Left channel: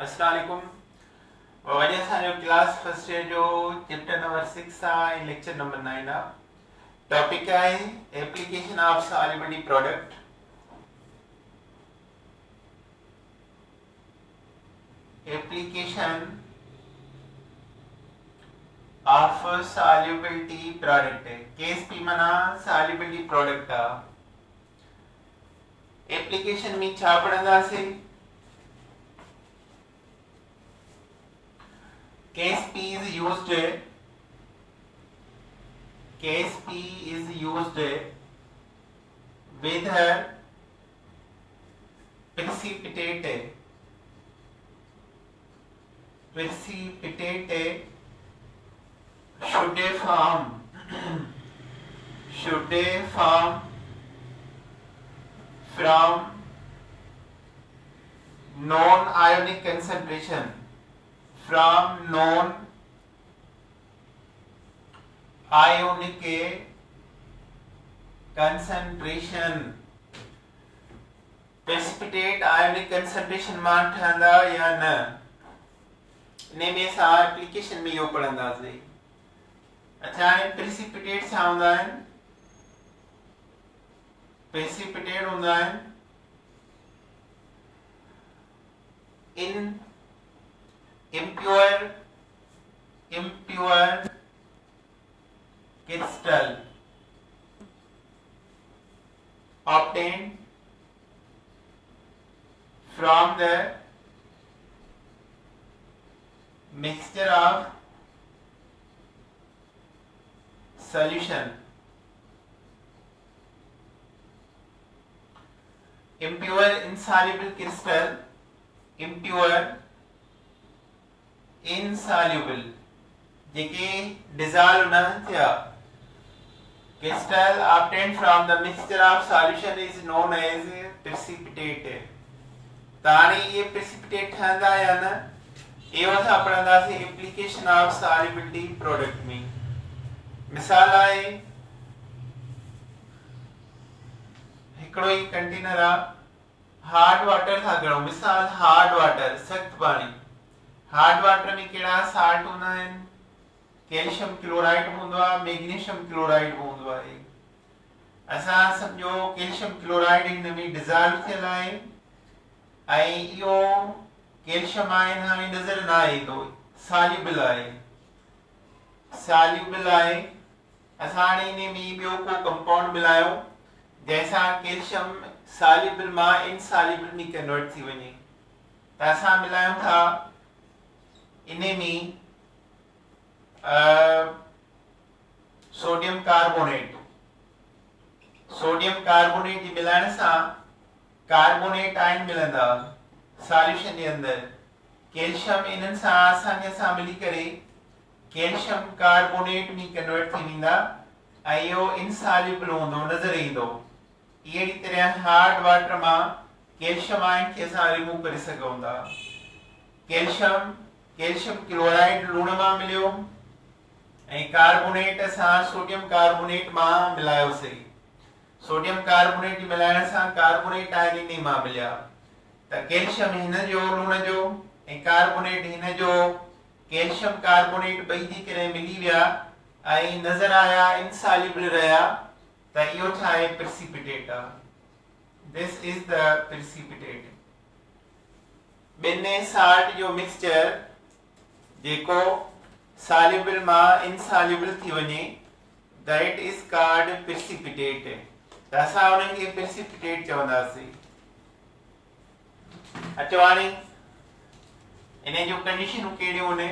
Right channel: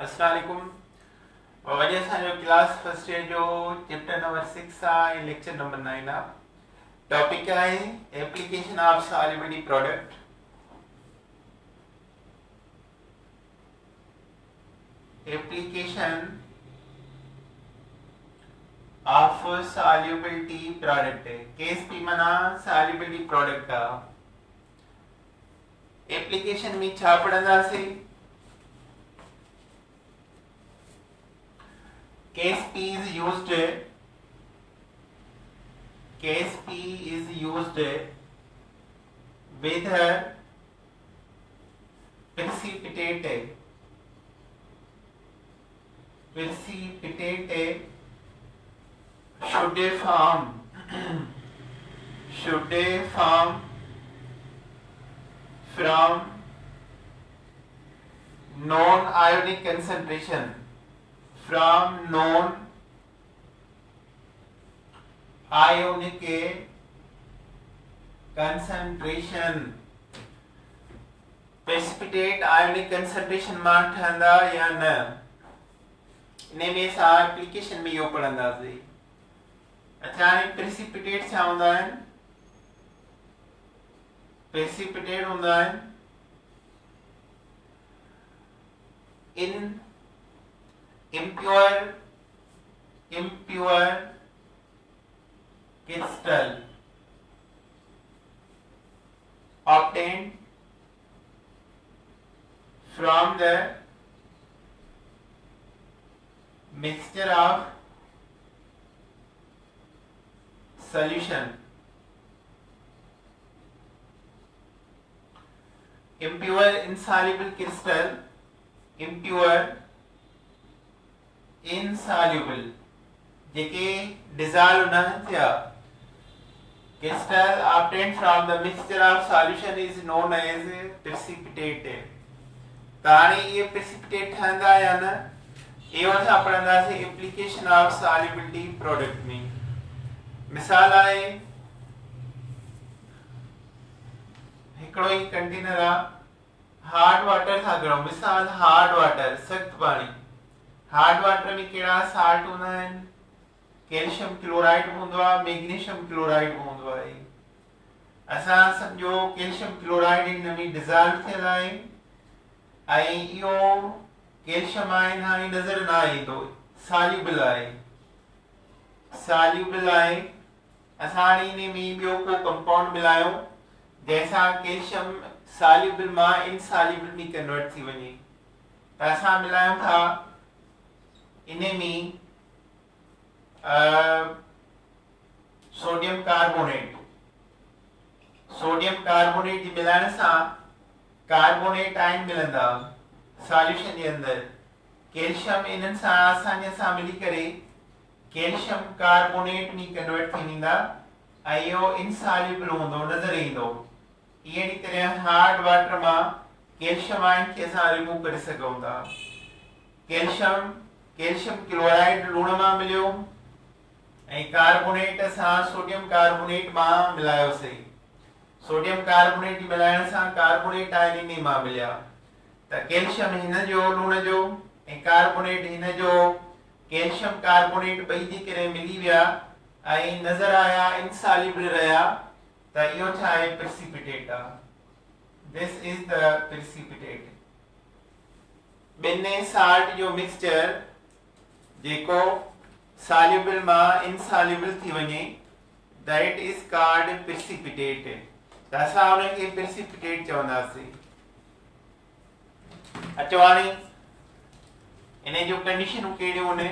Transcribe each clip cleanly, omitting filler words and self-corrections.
अस्सलाम वालेकुम। वरी असांजो क्लास फर्स्ट ईयर जो चैप्टर नंबर 6 आहे ऐं लेक्चर नंबर 9 आहे। टॉपिक आहे application of solubility product. Application of solubility product Ksp माना सॉल्युबिलिटी प्रोडक्ट आहे। एप्लीकेशन में छा पढ़ंदासीं? KSP is used with precipitate should form from non ionic concentration precipitate ionic concentration मां ठहंदा या न, इन में असां एप्लीकेशन में इहो पढ़ंदासीं। अच्छा, हाणे प्रेसिपिटेट छा हूंदा आहिनि? प्रेसिपिटेट हूंदा आहिनि इन impure crystal obtained from the mixture of solution. Impure insoluble crystal, impure insoluble JK dissolve न थिया crystal obtained from the mixture of solution is known as precipitate। त हाणे ये precipitate ठहंदा या न, इहो असां पढ़ंदासीं एप्लीकेशन ऑफ सॉल्युबिलिटी प्रोडक्ट में। मिसाल आहे हिकिड़ो ई कंटेनर आहे, हार्ड वाटर था खणो। मिसाल हार्ड वाटर, सख्त पाणी। हार्ड वाटर में कहिड़ा साल्ट हूंदा आहिनि? कैल्शियम क्लोराइड हूंदो आहे, मैग्नीशियम क्लोराइड हूंदो आहे। असां सम्झो कैल्शियम क्लोराइड हिन में डिज़ॉल्व थियल आहे ऐं इहो कैल्शियम आयन हाणे नज़र न ईंदो, सॉल्युबल आहे। असां हाणे इन में ॿियो को कंपाउंड मिलायो जंहिंसां कैल्शियम सॉल्युबल मां इनसॉल्युबल में कन्वर्ट थी वञे। त असां मिलायूं था इन में सोडियम कार्बोनेट जी मिलाइण सां कार्बोनेट आयन मिलंदा सॉल्यूशन जे अंदर। कैल्शियम इन्हनि सां आसानीअ सां मिली करे कैल्शियम कार्बोनेट में कन्वर्ट थी वेंदा ऐं इहो इनसॉल्युबल हूंदो, नज़र ईंदो। अहिड़ी तरह हार्ड वाटर मां कैल्शियम आयन खे असां रिमूव करे सघूं था। कैल्शियम क्लोराइड लूण मां मिलियो ऐं कार्बोनेट असां सोडियम कार्बोनेट मां मिलायोसीं। सोडियम कार्बोनेट मिलाइण सां कार्बोनेट आयन इन मां मिलिया। त कैल्शियम हिन जो लूण जो ऐं कार्बोनेट हिन जो, कैल्शियम कार्बोनेट ॿई थी करे मिली विया ऐं नज़र आया इनसॉल्युबल रहिया। त इहो छा आहे? प्रेसिपिटेट आहे। This is the precipitate. ॿिनि साल्ट जो मिक्सचर जेको सॉल्युबल मां इनसॉल्युबल थी वञे, दैट इज कॉल्ड प्रेसिपिटेट। त असां उनखे प्रेसिपिटेट चवंदासीं। अचो हाणे इन जो कंडीशनूं कहिड़ियूं आहिनि?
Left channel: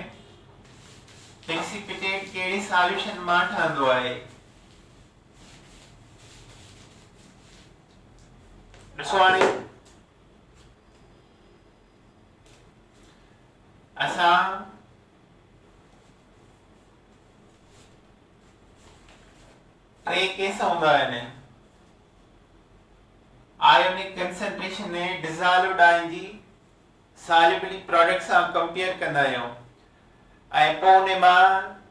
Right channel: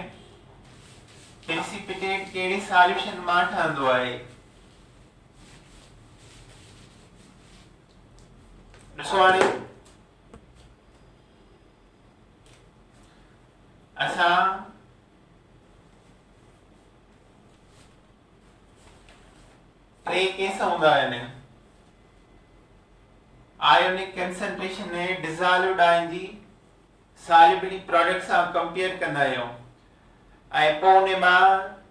प्रेसिपिटेट कहिड़ी सॉल्यूशन मां ठहंदो आहे? ॾिसो हाणे असां टे केस हूंदा आहिनि। आयोनिक कंसंट्रेशन में डिज़ॉल्व्ड आयन जी सॉल्युबिलिटी प्रोडक्ट सां कंपेयर कंदा आहियूं ऐं पोइ उन मां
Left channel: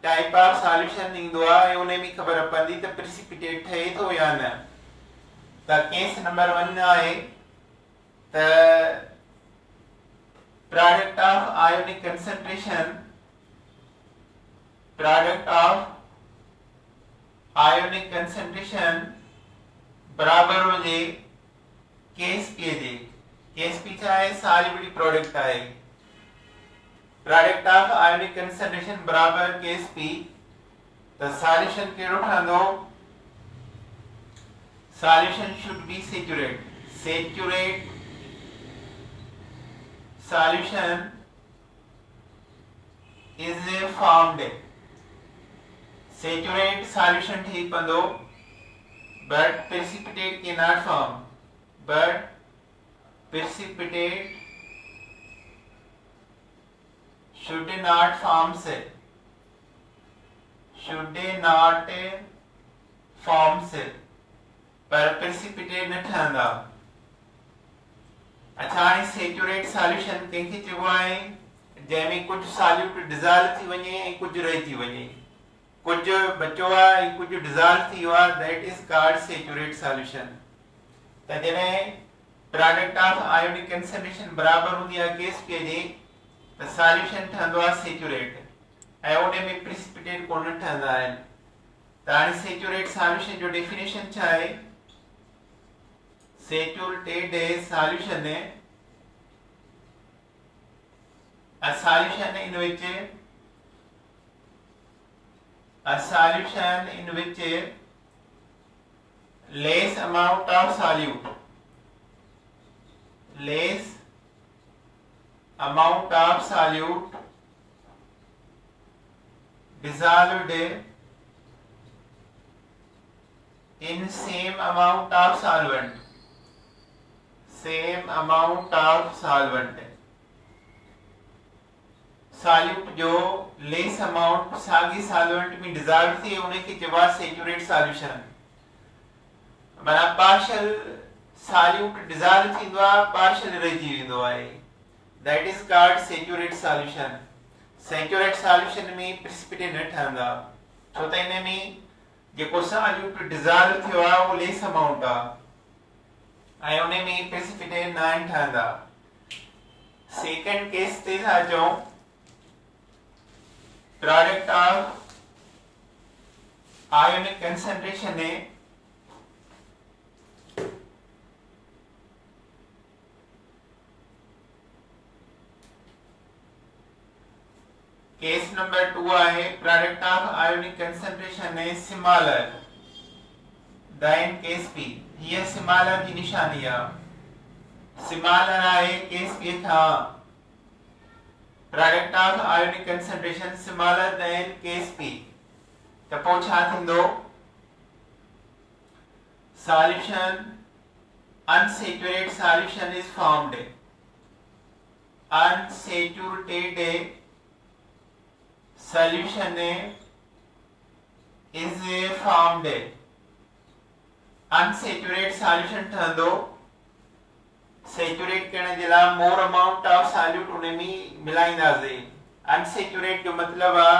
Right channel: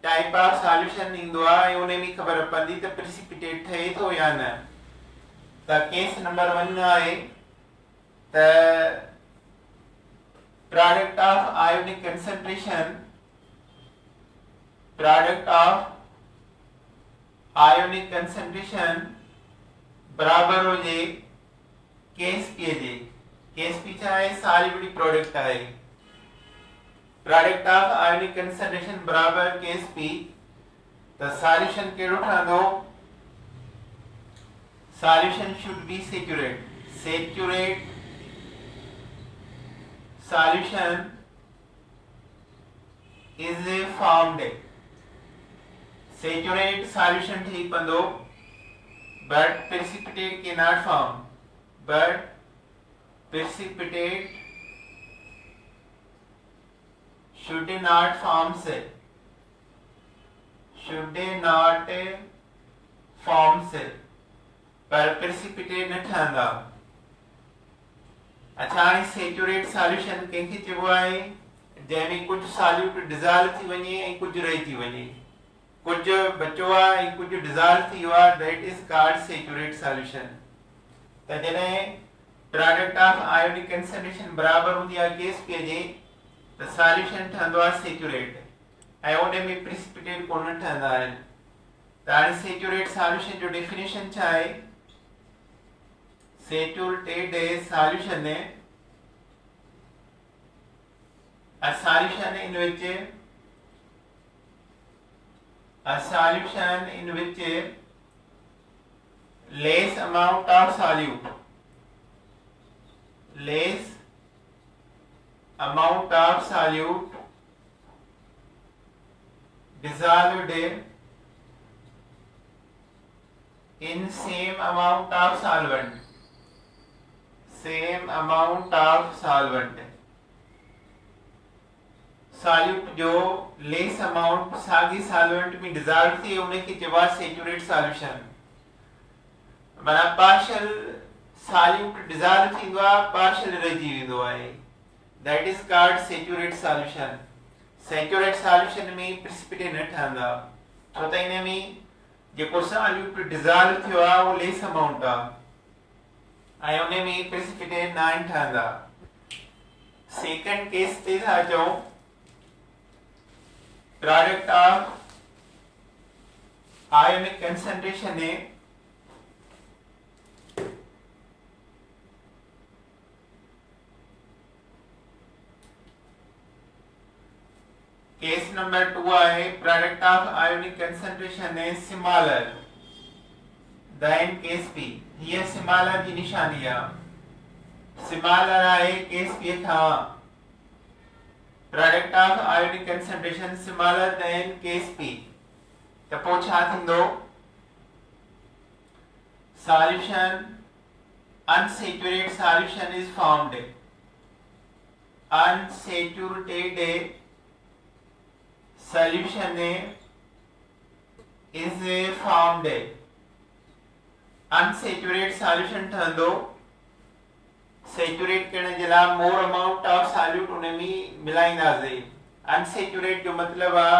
टाइप ऑफ सॉल्यूशन ईंदो आहे ऐं उन में ख़बर पवंदी त प्रेसिपिटेट ठहे थो या न। त केस नंबर 1 आहे त product of ionic concentration, product of ionic concentration बराबर हो जे Ksp जे Ksp छा आहे solubility product आहे product of ionic concentration बराबर Ksp the solution केड़ो ठहंदो solution should be saturate solution is formed saturate solution ठीक पंदो but precipitate cannot form but precipitate should not form से should not form से पर precipitate न ठहंदा अच्छा हाणे सेचुरेट सॉल्यूशन कंहिंखे चइबो आहे जंहिंमें कुझु सॉल्यूट डिज़ॉल्व थी वञे ऐं कुझु रही थी वञे कुझु बचो आहे ऐं कुझु डिज़ॉल्व थी वियो आहे that is called saturate solution त जॾहिं प्रोडक्ट ऑफ आयोनिक कंसंट्रेशन बराबर हूंदी आहे Ksp जे त सॉल्यूशन ठहंदो आहे सेचुरेट ऐं उन में प्रेसिपिटेट कोन ठहंदा आहिनि त हाणे सेचुरेट सॉल्यूशन जो डेफिनेशन छा आहे saturated solution a solution in which less amount of solute dissolved in same amount of solvent solute जो लेस अमाउंट साॻी सॉल्वेंट में डिज़ॉल्व थिए उनखे चइबो आहे सेचुरेट सॉल्यूशन माना पार्शियल सॉल्यूट डिज़ॉल्व थींदो आहे पार्शियल रहिजी वेंदो आहे that is called saturate solution saturate solution में प्रेसिपिटेट न ठहंदा छो त इन में जेको सॉल्यूट डिज़ॉल्व थियो आहे उहो लेस अमाउंट आहे ऐं उन में प्रेसिपिटेट न ठहंदा सेकंड केस ते था चऊं प्रोडक्ट ऑफ आयोनिक कंसंट्रेशन ने केस नंबर 2 आहे प्रोडक्ट ऑफ आयोनिक कंसंट्रेशन ने सिमिलर देन Ksp ये सिमिलर की निशानी आहे सिमिलर आहे Ksp खां product of ionic concentration similar than Ksp त पोइ छा थींदो solution unsaturated solution is formed unsaturated solution is formed unsaturate solution ठहंदो सैचुरेट करण जे लाइ मोर अमाउंट ऑफ सॉल्यूट उन में मिलाईंदासीं अनसैचुरेट जो मतिलबु आहे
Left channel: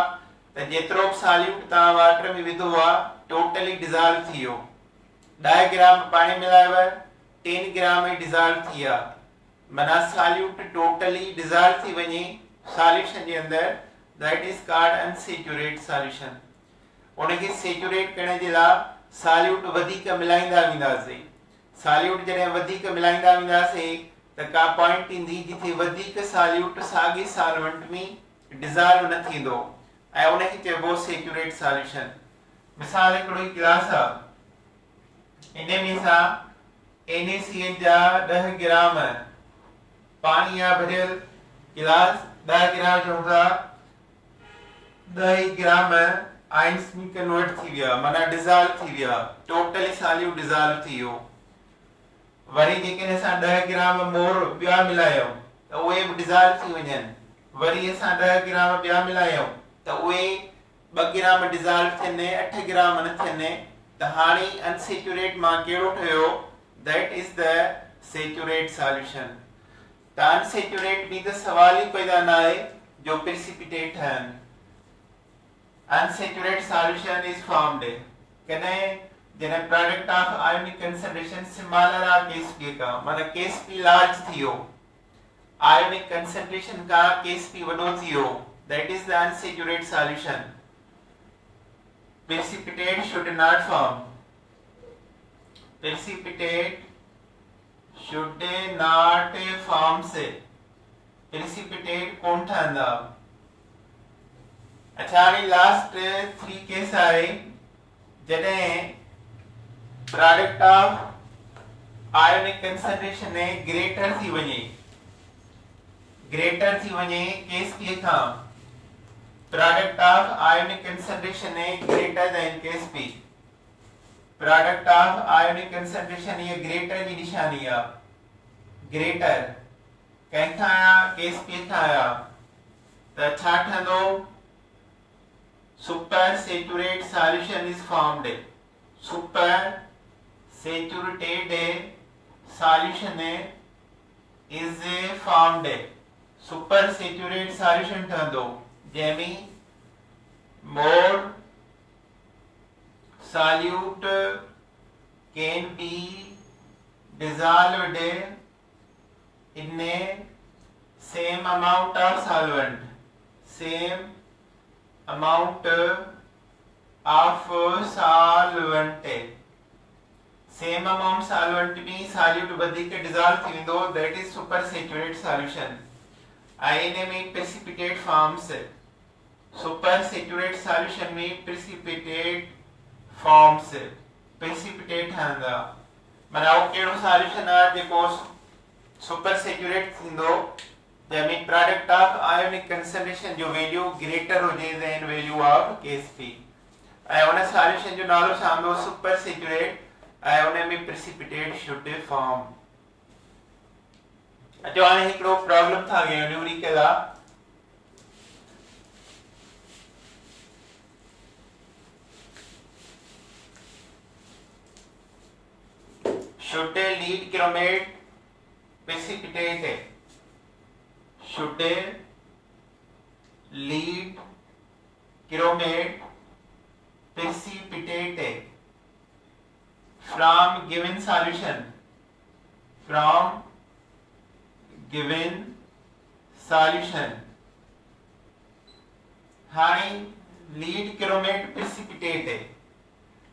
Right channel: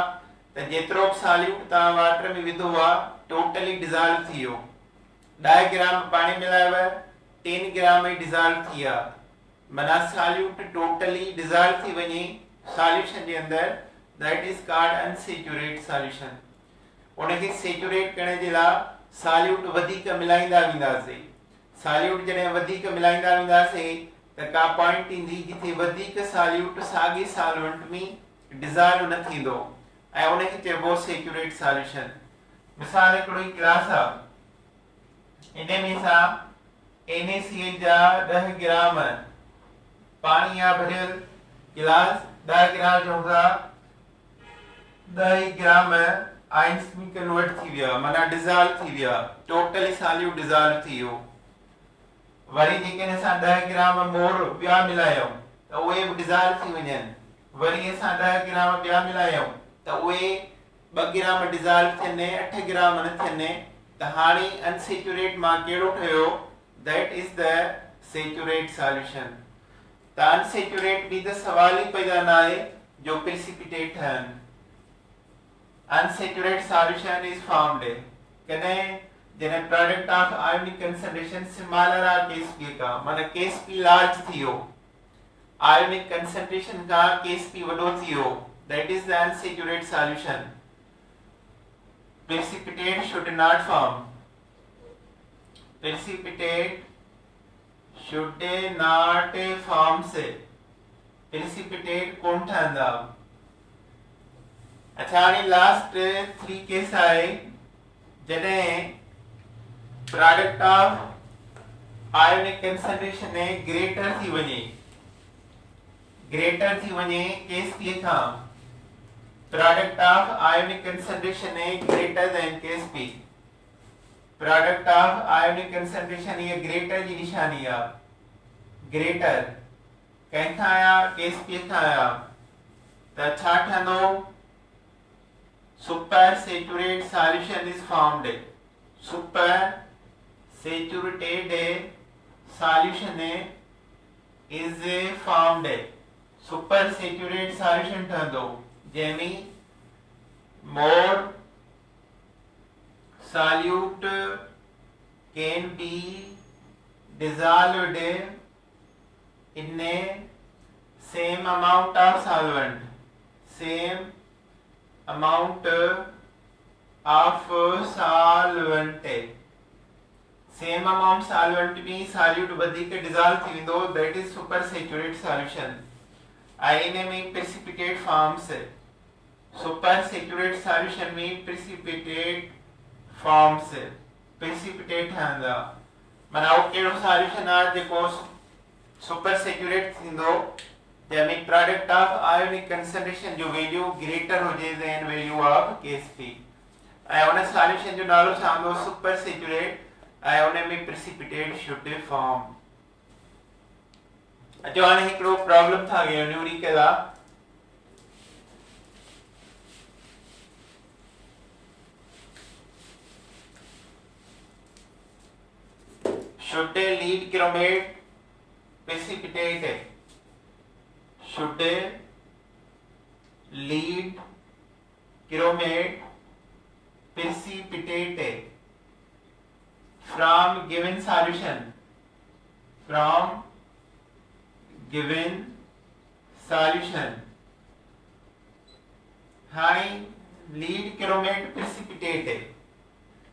त जेतिरो बि सॉल्यूट तव्हां वाटर में विधो आहे टोटली डिज़ॉल्व थी वियो 10 ग्राम पाणी मिलायव 3 ग्राम में डिज़ॉल्व थी विया माना सॉल्यूट टोटली डिज़ॉल्व थी वञे सॉल्यूशन जे अंदरि दैट इज कॉल्ड अनसैचुरेट सॉल्यूशन उनखे सैचुरेट करण जे लाइ सॉल्यूट वधीक मिलाईंदा वेंदासीं सॉल्यूट जॾहिं वधीक मिलाईंदा वेंदासीं त का पॉइंट ईंदी जिथे वधीक सॉल्यूट साॻे सॉल्वेंट में डिज़ॉल्व न थींदो ऐं उनखे चइबो सैचुरेट सॉल्यूशन मिसाल हिकिड़ो ई गिलास आहे इन में असां NaCl जा 10 ग्राम पाणी आहे भरियल गिलास 10 ग्राम जो हूंदा 10 ग्राम आइंस में कन्वर्ट थी विया माना डिज़ॉल्व थी विया टोटली सॉल्यूट डिज़ॉल्व थी वियो वरी जेकॾहिं असां 10 ग्राम मोर ॿिया मिलायूं त उहे बि डिज़ॉल्व थी वञनि वरी असां 10 ग्राम ॿिया मिलायूं त उहे 2 ग्राम डिज़ॉल्व थियनि 8 ग्राम न थियनि त हाणे अनसैचुरेट मां कहिड़ो ठहियो that is the saturate solution त अनसैचुरेट में त सवाल ई पैदा न आहे जो प्रेसिपिटेट ठहनि unsaturated solution is formed कने जने product of ionic concentration similar आ Ksp का माने Ksp लार्ज थियो आयोनिक कंसंट्रेशन का Ksp वडो थियो, that is the unsaturated solution. Precipitate should not form. Precipitate should not form से precipitate कौन ठहंदा. अच्छा हाणे लास्ट 3 केस आहे जॾहिं product of ionic concentration greater थी वञे Ksp खां. Product of ionic concentration greater then Ksp. Product of ionic concentration ये ग्रेटर जी निशानी आहे. ग्रेटर कंहिंखां आया Ksp खां आया त छा ठहंदो. Super saturated solution is formed. Super saturated solution is formed. Super saturated solution ठहंदो जंहिंमें more solute can be dissolved in a same amount of solvent. Same amount of solvent. Same amount solvent में solute वधीक dissolve थी वेंदो, that is super saturated solution. इन में precipitate forms. Super saturated solution में precipitate forms. precipitate ठहंदा. माना वो कहिड़ो solution आहे जेको super saturated थींदो जंहिंमें प्रोडक्ट ऑफ आयोनिक कंसंट्रेशन जो वैल्यू ग्रेटर हुजे देन वैल्यू ऑफ Ksp. ऐं उन सॉल्यूशन जो नालो छा हूंदो. Super saturate. ऐं उन में प्रेसिपिटेट शुड फॉर्म. अचो हाणे हिकिड़ो प्रॉब्लम था कयूं न्यूमेरिकल आहे. should lead chromate precipitate. Should lead chromate precipitate from given solution. From given solution. High lead chromate precipitate है.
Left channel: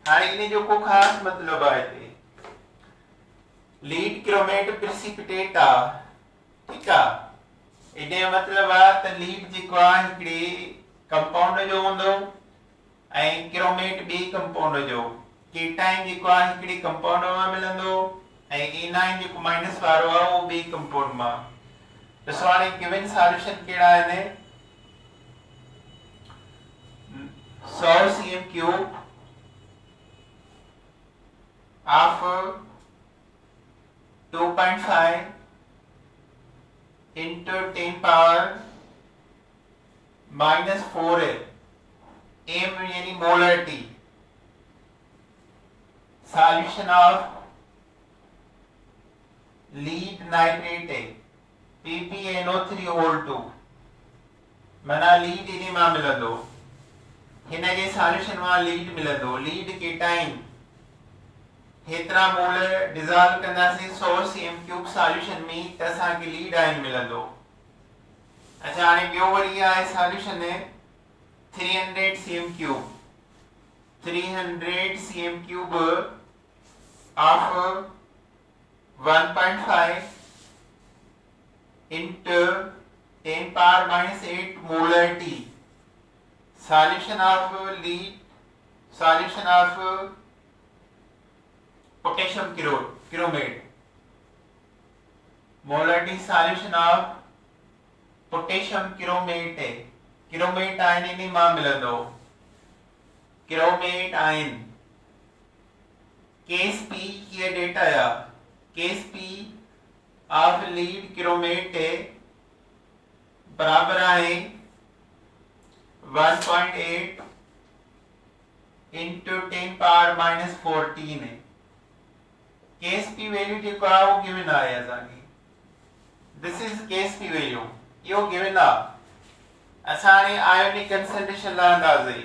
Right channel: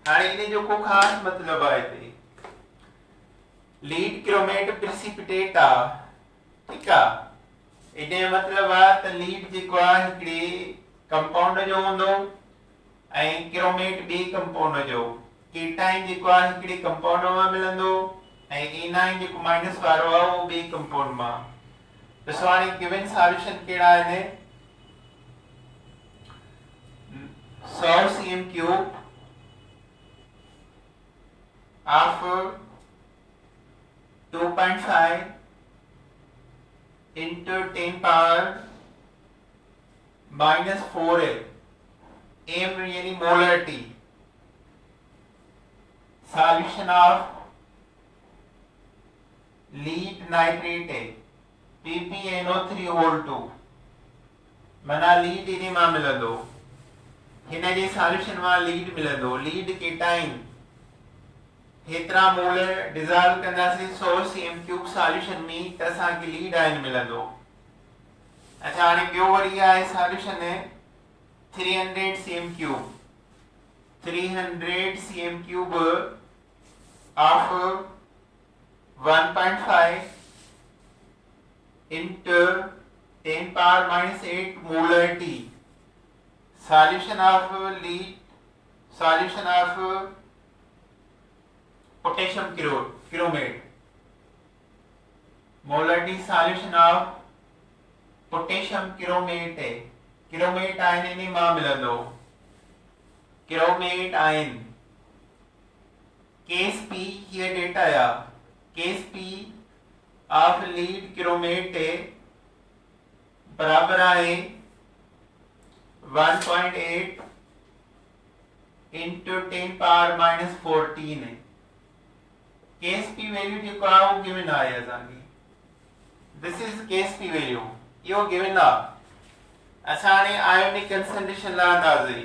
हाई इन्हें जो को खास मतलब आहे लीड क्रोमेट प्रेसिपिटेट आ. ठीक आहे. इने मतलब आहे त लीड जेको आहे हिकिड़ी कंपाउंड जो हूंदो ऐं क्रोमेट ॿी कंपाउंड जो. केटाइन जेको आहे हिकिड़ी कंपाउंड मां मिलंदो ऐं एनाइन जेको माइनस वारो आहे उहो ॿी कंपाउंड मां. ॾिसो हाणे गिवन सॉल्यूशन कहिड़ा आहिनि. 100 cm cube of 2.5 into 10 power -4 है. m यानी molarity. Solution of lead nitrate है PpNO3O2. माना लीड इने मां मिलंदो. हिन जे सॉल्यूशन मां लीड मिलंदो. लीड केटाइन हेतरा मोल डिसॉल्व कंदासीं 100 cm क्यूब सॉल्यूशन में त असांखे लीड आयन मिलंदो. अच्छा हाणे ॿियो वरी आहे solution 300 cm cube. 300 cm cube of 1.5 into 10 power -8 molarity. Solution of lead. Solution of potassium chromate. Molarity solution of potassium chromate है. Chromate ion इन्हीं मां मिलंदो. Chromate ion. Ksp ये डेटा या Ksp of lead chromate है बराबर आहे 1.8 into 10 power -14 है. Ksp value जेको आहे वो गिवन आहे असांखे. This is Ksp value. इहो गिवन आहे. असां हाणे आयोनिक कंसंट्रेशन लहंदासीं.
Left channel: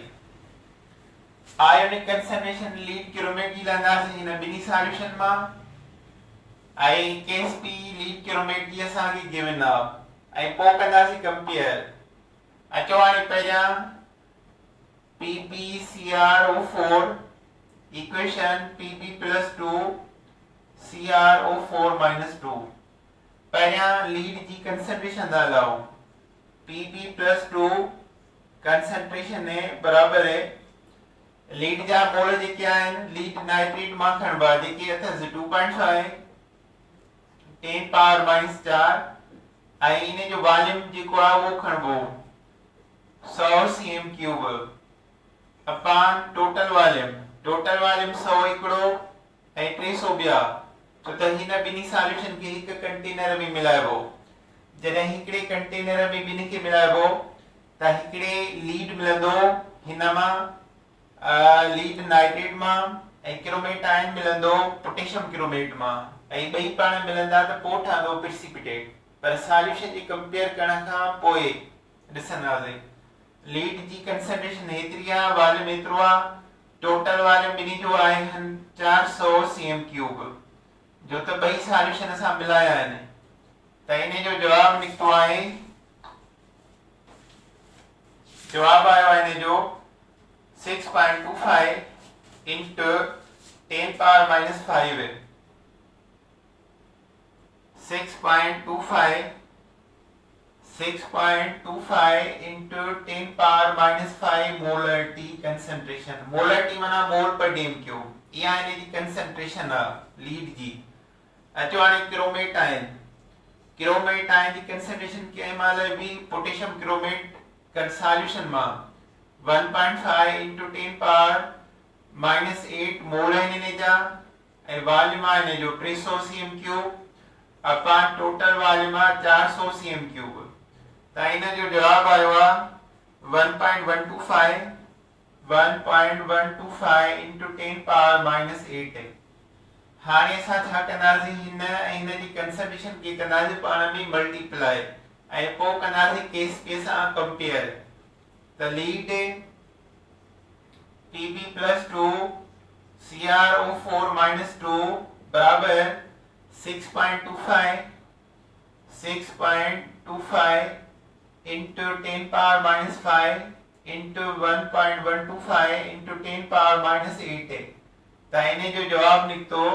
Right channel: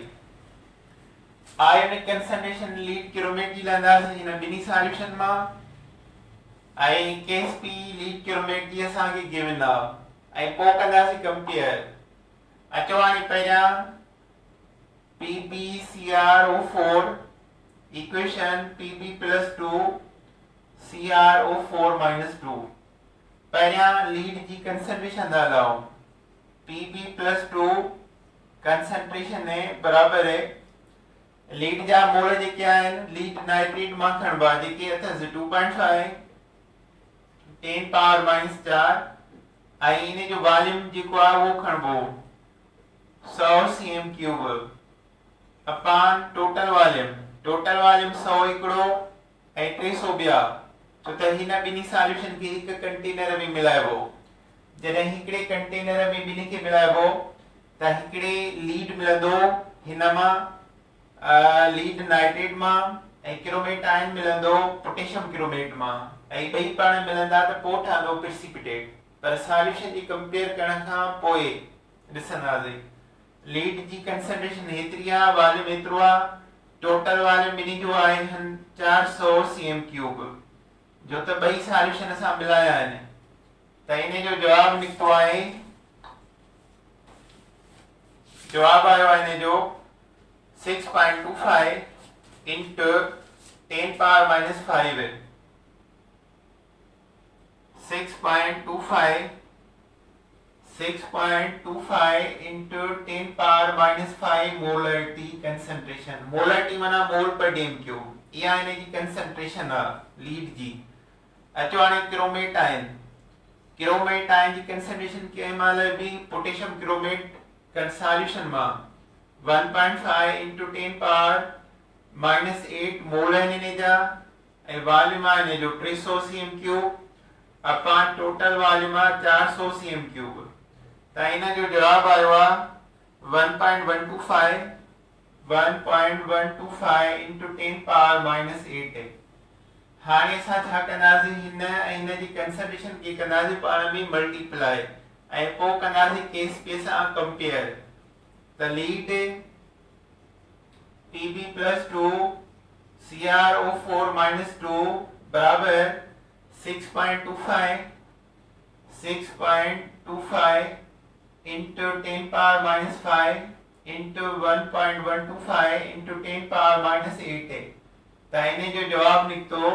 आयोनिक कंसंट्रेशन लीड क्रोमेट जी लहंदासीं हिन ॿिनी सॉल्यूशन मां आई केस पी लीड किलोमीटर जी असांखे गिवन आहे ऐं पोइ कंदासीं कंपेयर। अचो हाणे पहिरियां PbCrO4 equation Pb plus 2 CrO4 minus 2 पहिरियां लीड जी कंसंट्रेशन था लाओ। Pb प्लस 2 कंसंट्रेशन है बराबर है लीड जा मोल जेके आहिनि लीड नाइट्रेट मां खणबा जेके अथसि 2.5 10 पावर माइनस 4 ऐं इन जो वॉल्यूम जेको आहे उहो खणबो 100 cm cube upon total volume 100 हिकिड़ो ऐं 300 ॿिया छो त हिन ॿिन्ही सॉल्यूशन खे हिकु कंटेनर में मिलाइबो। जॾहिं हिकिड़े कंटेनर में ॿिन्ही खे मिलाइबो त हिकिड़े लीड मिलंदो हिन मां लीड नाइट्रेट मां ऐं क्रोमेट आयन मिलंदो पोटेशियम क्रोमेट मां ऐं ॿई पाण मिलंदा त पोइ ठहंदो प्रेसिपिटेट। पर सॉल्यूशन जी कंपेयर करण खां पोइ ॾिसंदासीं लीड जी कंसंट्रेशन हेतिरी आहे वॉल्यूम एतिरो आहे टोटल वॉल्यूम ॿिन्ही जो आहे 400 cm क्यूब जो त ॿई सॉल्यूशन असां मिलाया आहिनि त इन जो जवाब निकितो आहे जवाब आयो आहे इन जो 6.25 into 10 power minus 5 है 6.25 into 10 power minus 5 molarity concentration। molarity माना मोल पर डेम क्यूब या इने जी कंसंट्रेशन आहे लीड जी। अचो हाणे क्रोमेट आयन जी कंसंट्रेशन के माल बि पोटेशियम क्रोमेट कर सॉल्यूशन मां 1.5 into 10 power minus 8 मोल इने जा ऐं वॉल्यूम आहे इने जो 300 cm cube upon total volume आहे 400 cm क्यूब त इन जो जवाब आयो आहे 1.125 into 10 power minus 8 है। हाणे असां छा कंदासीं हिन ऐं हिन जी कंसंट्रेशन खे कंदासीं पाण में मल्टीप्लाई ऐं पोइ कंदासीं केस पे सां कंपेयर त lead Pb plus 2 CrO4 minus 2 बराबर 6.25 into 10 power minus 5 into 1.125 into 10 power minus 8 है त इन जो जवाब निकतो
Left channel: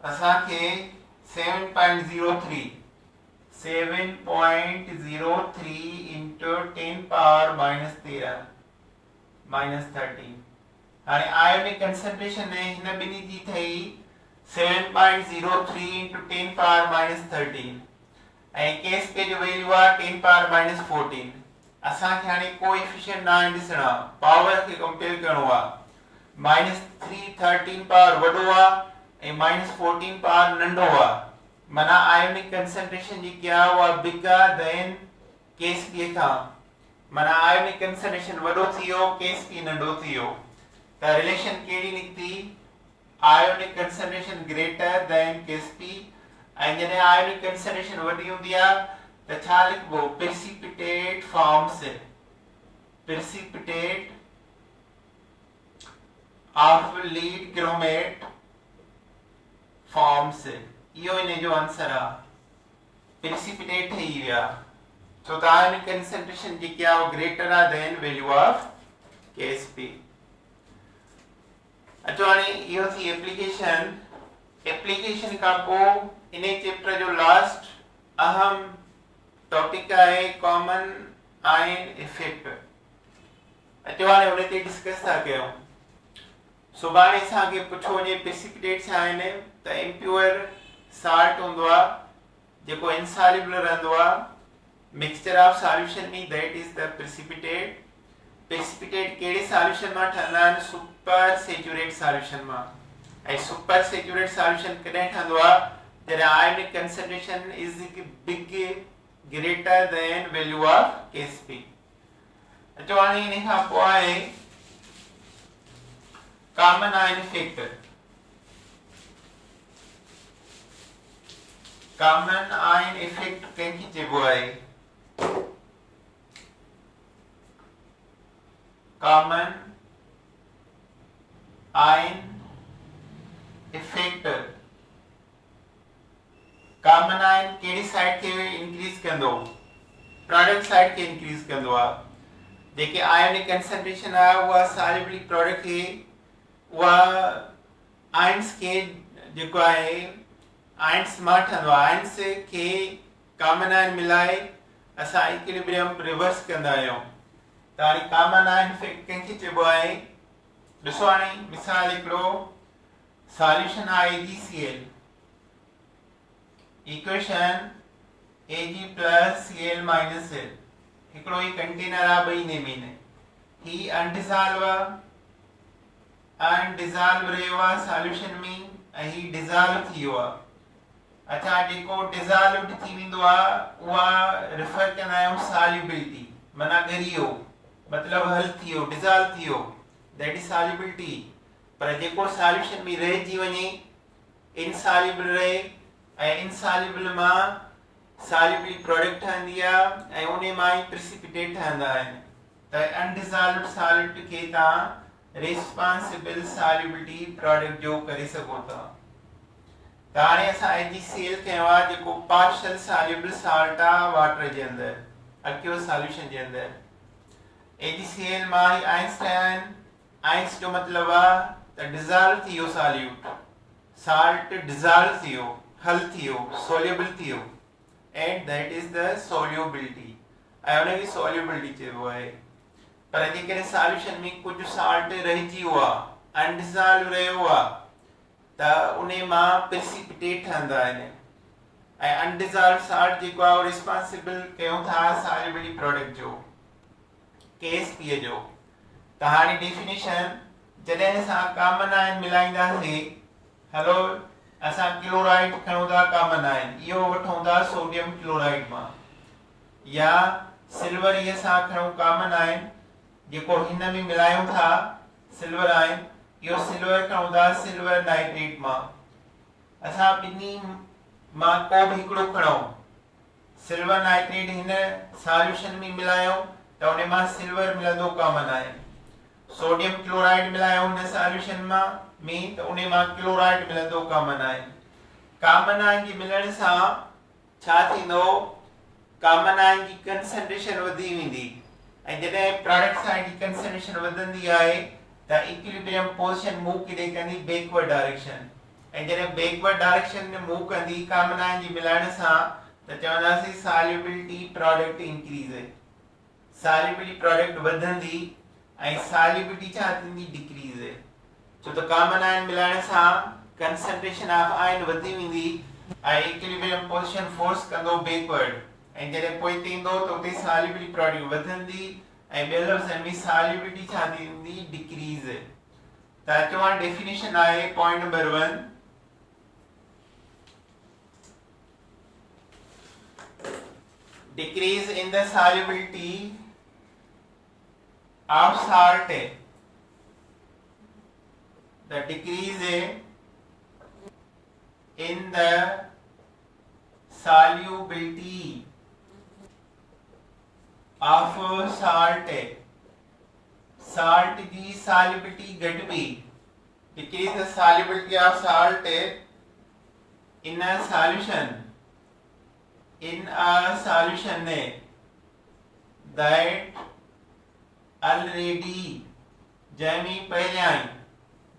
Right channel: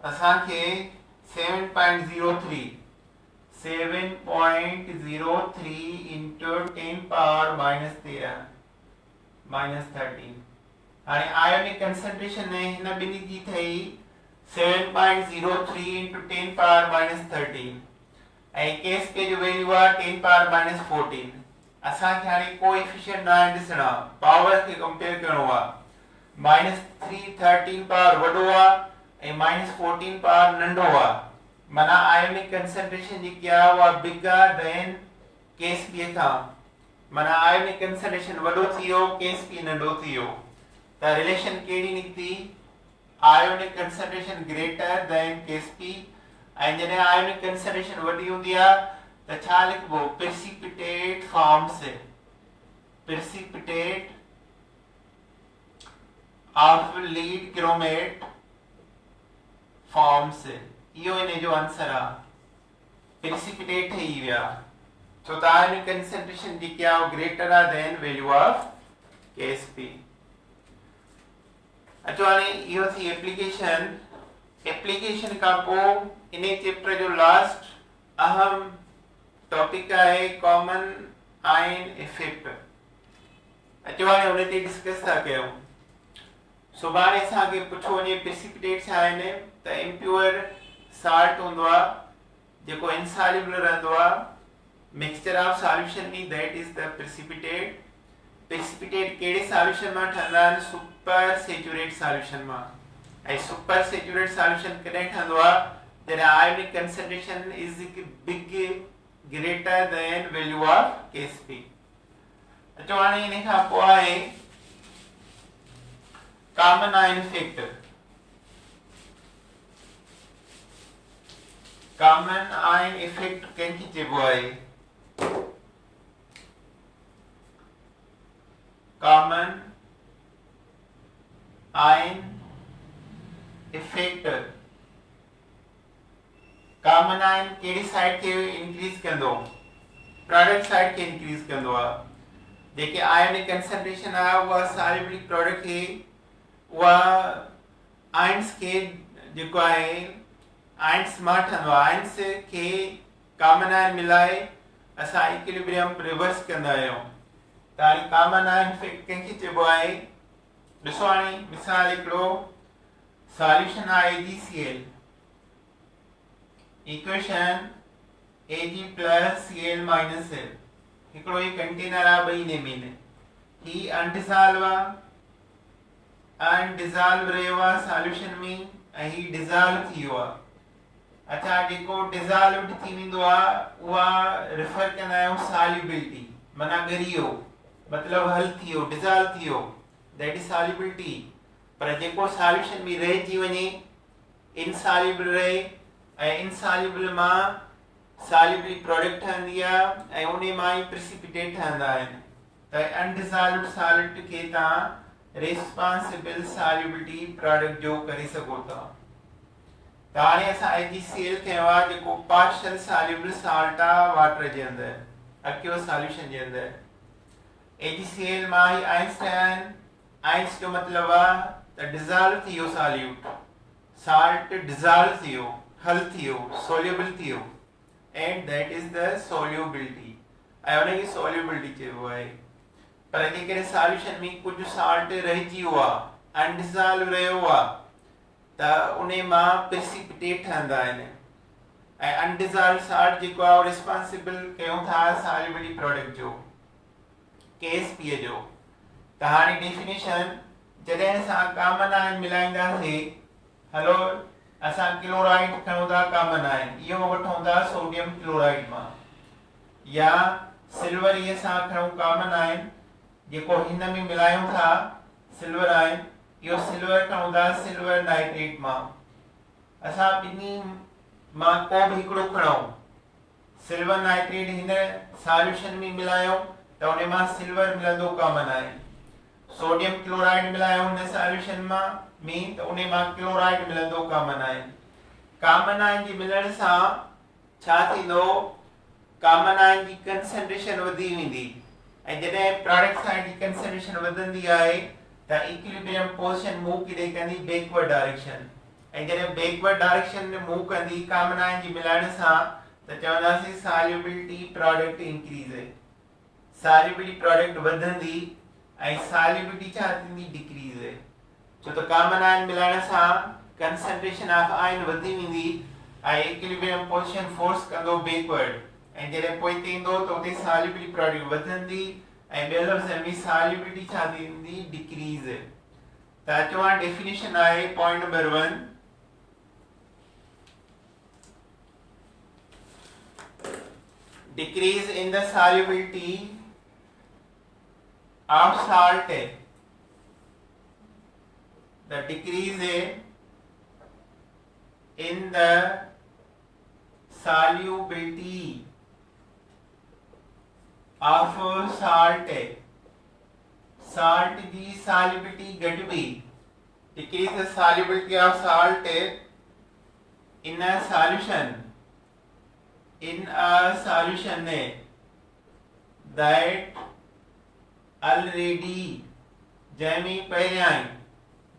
असांखे 7.03 into 10 power minus 13 हाणे आयोनिक कंसंट्रेशन ने हिन ॿिन्ही जी थई 7.03 into 10 power minus 13 ऐं केस पे जो वैल्यू आहे 10 power minus 14। असांखे हाणे कोएफिशिएंट ना ॾिसणा पावर खे कंपेयर करणो आहे -3 13 पावर वॾो आहे ऐं -14 पावर नंढो आहे माना आयोनिक कंसंट्रेशन जेकी आहे उहा बिगर देन केस पी खां माना आयोनिक कंसंट्रेशन वॾो थी वियो केस पी नंढो थी वियो त रिलेशन कहिड़ी निकती ionic concentration greater than K S P जॾहिं आयोनिक कंसंट्रेशन वॾी हूंदी आहे त छा लिखबो precipitate forms precipitate of lead chromate forms इहो इन जो आंसर आहे प्रेसिपिटेट ठही विया छो त आयोनिक कंसंट्रेशन जेकी आहे ग्रेटर आहे देन वैल्यू ऑफ केएसपी। अचो हाणे इहो थी एप्लीकेशन खां पोइ इन चैप्टर जो लास्ट अहम टॉपिक आहे कॉमन आयन इफेक्ट। अचो हाणे उन ते डिस्कस था कयूं। सुभाणे असांखे पुछो वञे प्रेसिपिटेट छा आहिनि त इम्प्योर साल्ट हूंदो आहे जेको इनसॉल्युबल रहंदो आहे मिक्सचर ऑफ सॉल्यूशन में that is the precipitate. Precipitate कहिड़े सॉल्यूशन मां ठहंदा आहिनि सुपर सेचुरेट सॉल्यूशन मां ऐं सुपर सेचुरेट सॉल्यूशन कॾहिं ठहंदो आहे जॾहिं ionic concentration is big greater than value of Ksp. अचो हाणे इन खां पोइ आहे common ion effect. Common ion effect कंहिंखे चइबो आहे common ion effect common ion कहिड़ी साइड खे इंक्रीज कंदो, प्रोडक्ट साइड खे इंक्रीज कंदो आहे। जेके आयनिक कंसंट्रेशन आहे उहा सॉल्युबिलिटी प्रोडक्ट खे उहा आयन्स खे जेको आहे आयन्स मां ठहंदो आहे, आयन्स खे कॉमन आयन मिलाए असां इक्विलिब्रियम रिवर्स कंदा आहियूं। त हाणे कॉमन आयन कंहिंखे चइबो आहे, ॾिसो हाणे मिसाल हिकिड़ो सॉल्यूशन आहे AgCl, equation Ag plus Cl minus L, हिकिड़ो ही कंटेनर आहे ॿई नेमीन, ही अनडिसॉल्व आहे, अनडिसॉल्व रहियो आहे सॉल्यूशन में ऐं ही डिसॉल्व थी वियो आहे। अच्छा, जेको डिसॉल्व थी वेंदो आहे उहा रेफर कंदा आहियूं सॉल्युबिलिटी, माना ॻरी वियो, मतिलबु हल थी वियो, डिसॉल्व थी वियो, दैट इज सॉल्युबिलिटी। पर जेको सॉल्यूशन में रहिजी वञे इनसॉल्युबल रहे ऐं इनसॉल्युबल मां सॉल्युबिलिटी प्रोडक्ट ठहंदी आहे ऐं उन मां ई प्रेसिपिटेट ठहंदा आहिनि। त अनडिसॉल्वड सॉलिड खे तव्हां रिस्पॉन्सिबल सॉल्युबिलिटी प्रोडक्ट जो करे सघो था। त हाणे असां AgCl कयो आहे जेको पार्शियल सॉल्युबल सॉल्ट आहे वाटर जे अंदरि, अक्यूअस सॉल्यूशन जे अंदरि। AgCl मां ही आयन्स ठहिया आहिनि, आयन्स जो मतिलबु आहे त डिसॉल्व थी वियो सॉल्यूट, सॉल्ट डिसॉल्व थी वियो, हल थी वियो, सोल्युबल थी वियो, and that is the solubility, ऐं उनखे सोल्युबिलिटी चइबो आहे। पर जेकॾहिं सॉल्यूशन में कुझु सॉल्ट रहिजी वियो आहे, अनडिसॉल्व रहियो आहे, त उन मां प्रेसिपिटेट ठहंदा आहिनि ऐं अनडिसॉल्व सॉल्ट जेको आहे रिस्पॉन्सिबल कयूं था सॉल्युबिलिटी प्रोडक्ट जो, KSP जो। त हाणे डेफिनेशन, जॾहिं असां कॉमन आयन मिलाईंदासीं, हलो असां क्लोराइड खणूं था कॉमन आयन, इहो वठूं था सोडियम क्लोराइड मां, या सिल्वर इहे सां खणूं कॉमन आयन, जेको हिन में मिलायूं था सिल्वर आयन, इहो सिल्वर खणूं था सिल्वर नाइट्रेट मां। असां ॿिन्ही मां को बि हिकिड़ो खणूं, सिल्वर नाइट्रेट हिन सॉल्यूशन में मिलायूं त उन मां सिल्वर मिलंदो कॉमन आयन, सोडियम क्लोराइड मिलायूं हिन सॉल्यूशन में त उन मां क्लोराइड मिलंदो कॉमन आयन। कॉमन आयन जे मिलण सां छा थींदो, कॉमन आयन जी कंसंट्रेशन वधी वेंदी ऐं जॾहिं प्रोडक्ट साइड जी कंसंट्रेशन वधंदी आहे त इक्विलिब्रियम पोजीशन मूव किथे कंदी, बैकवर्ड डायरेक्शन, ऐं जॾहिं बैकवर्ड डायरेक्शन में मूव कंदी कॉमन आयन जी मिलाइण सां त चवंदासीं सॉल्युबिलिटी प्रोडक्ट इंक्रीज है, सॉल्युबिलिटी प्रोडक्ट वधंदी ऐं सॉल्युबिलिटी छा थींदी, डिक्रीज है। छो त कॉमन आयन मिलाइण सां कंसंट्रेशन ऑफ आयन वधी वेंदी ऐं इक्विलिब्रियम पोजीशन फोर्स कंदो बैकवर्ड, ऐं जॾहिं पोइ थींदो त उते सॉल्युबिलिटी प्रोडक्ट वधंदी ऐं ॿिए लफ़्ज़नि में सॉल्युबिलिटी छा थींदी, डिक्रीज। त अचो हाणे डेफिनेशन आहे point number 1, decrease in the solubility of salt, the decrease in the solubility of salt, salt की solubility घटवी, decrease the solubility of salt in a solution, in a solution that already जैमी पहले ion,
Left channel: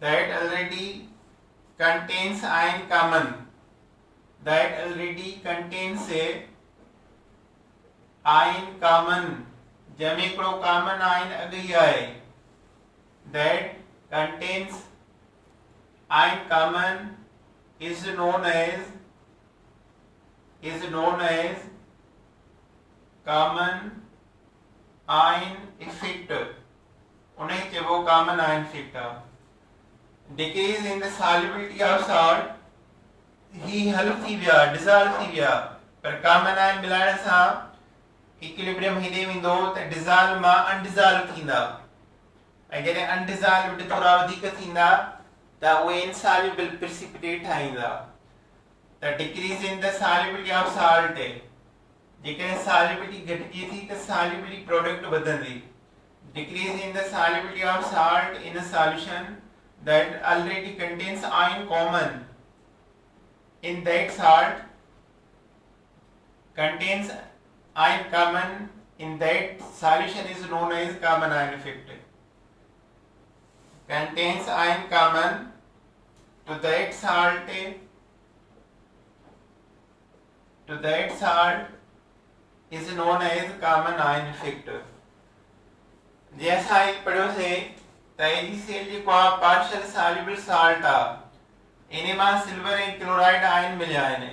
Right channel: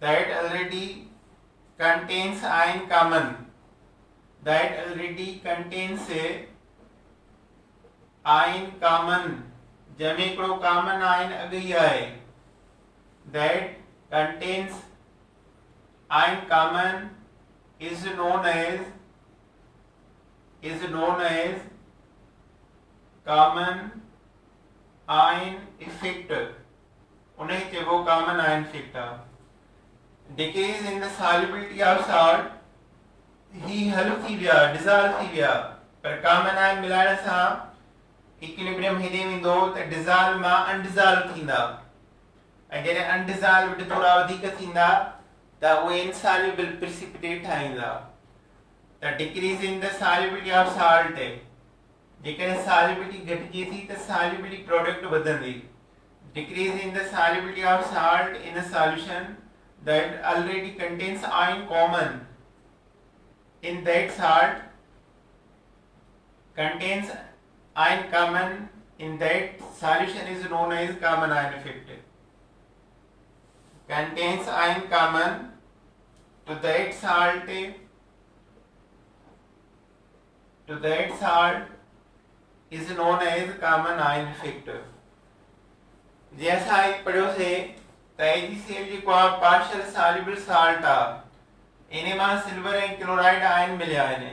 that already contains ion common, that already contains ion common, जैमे हिकिड़ो common ion अॻई आहे, that contains ion common is known as common ion effect, उन्हें चइबो common ion effect आहे। decrease in the solubility of salt, ही हल थी विया, dissolve थी विया, पर common ion मिलाइण सां इक्विलिब्रियम हेॾे वेंदो त डिसॉल्व मां अनडिसॉल्व थींदा, ऐं जॾहिं अनडिसॉल्वड थोड़ा वधीक थींदा त उहे इनसॉल्युबल प्रेसिपिटेट ठाहींदा। त decrease in the solubility of salt, जेकॾहिं सॉल्युबिलिटी घटिजे थी त सॉल्युबिलिटी प्रोडक्ट वधंदी। Decrease in the solubility of salt in a solution that already contains ion common, in that salt contains ion common in that solution is known as common ion effect. Contains ion common to that salt is known as common ion effect. जैसा एक पढ़ो से Taiji cell जी को partial soluble salt आ इने मां silver ऐं chloride ion मिलिया आहिनि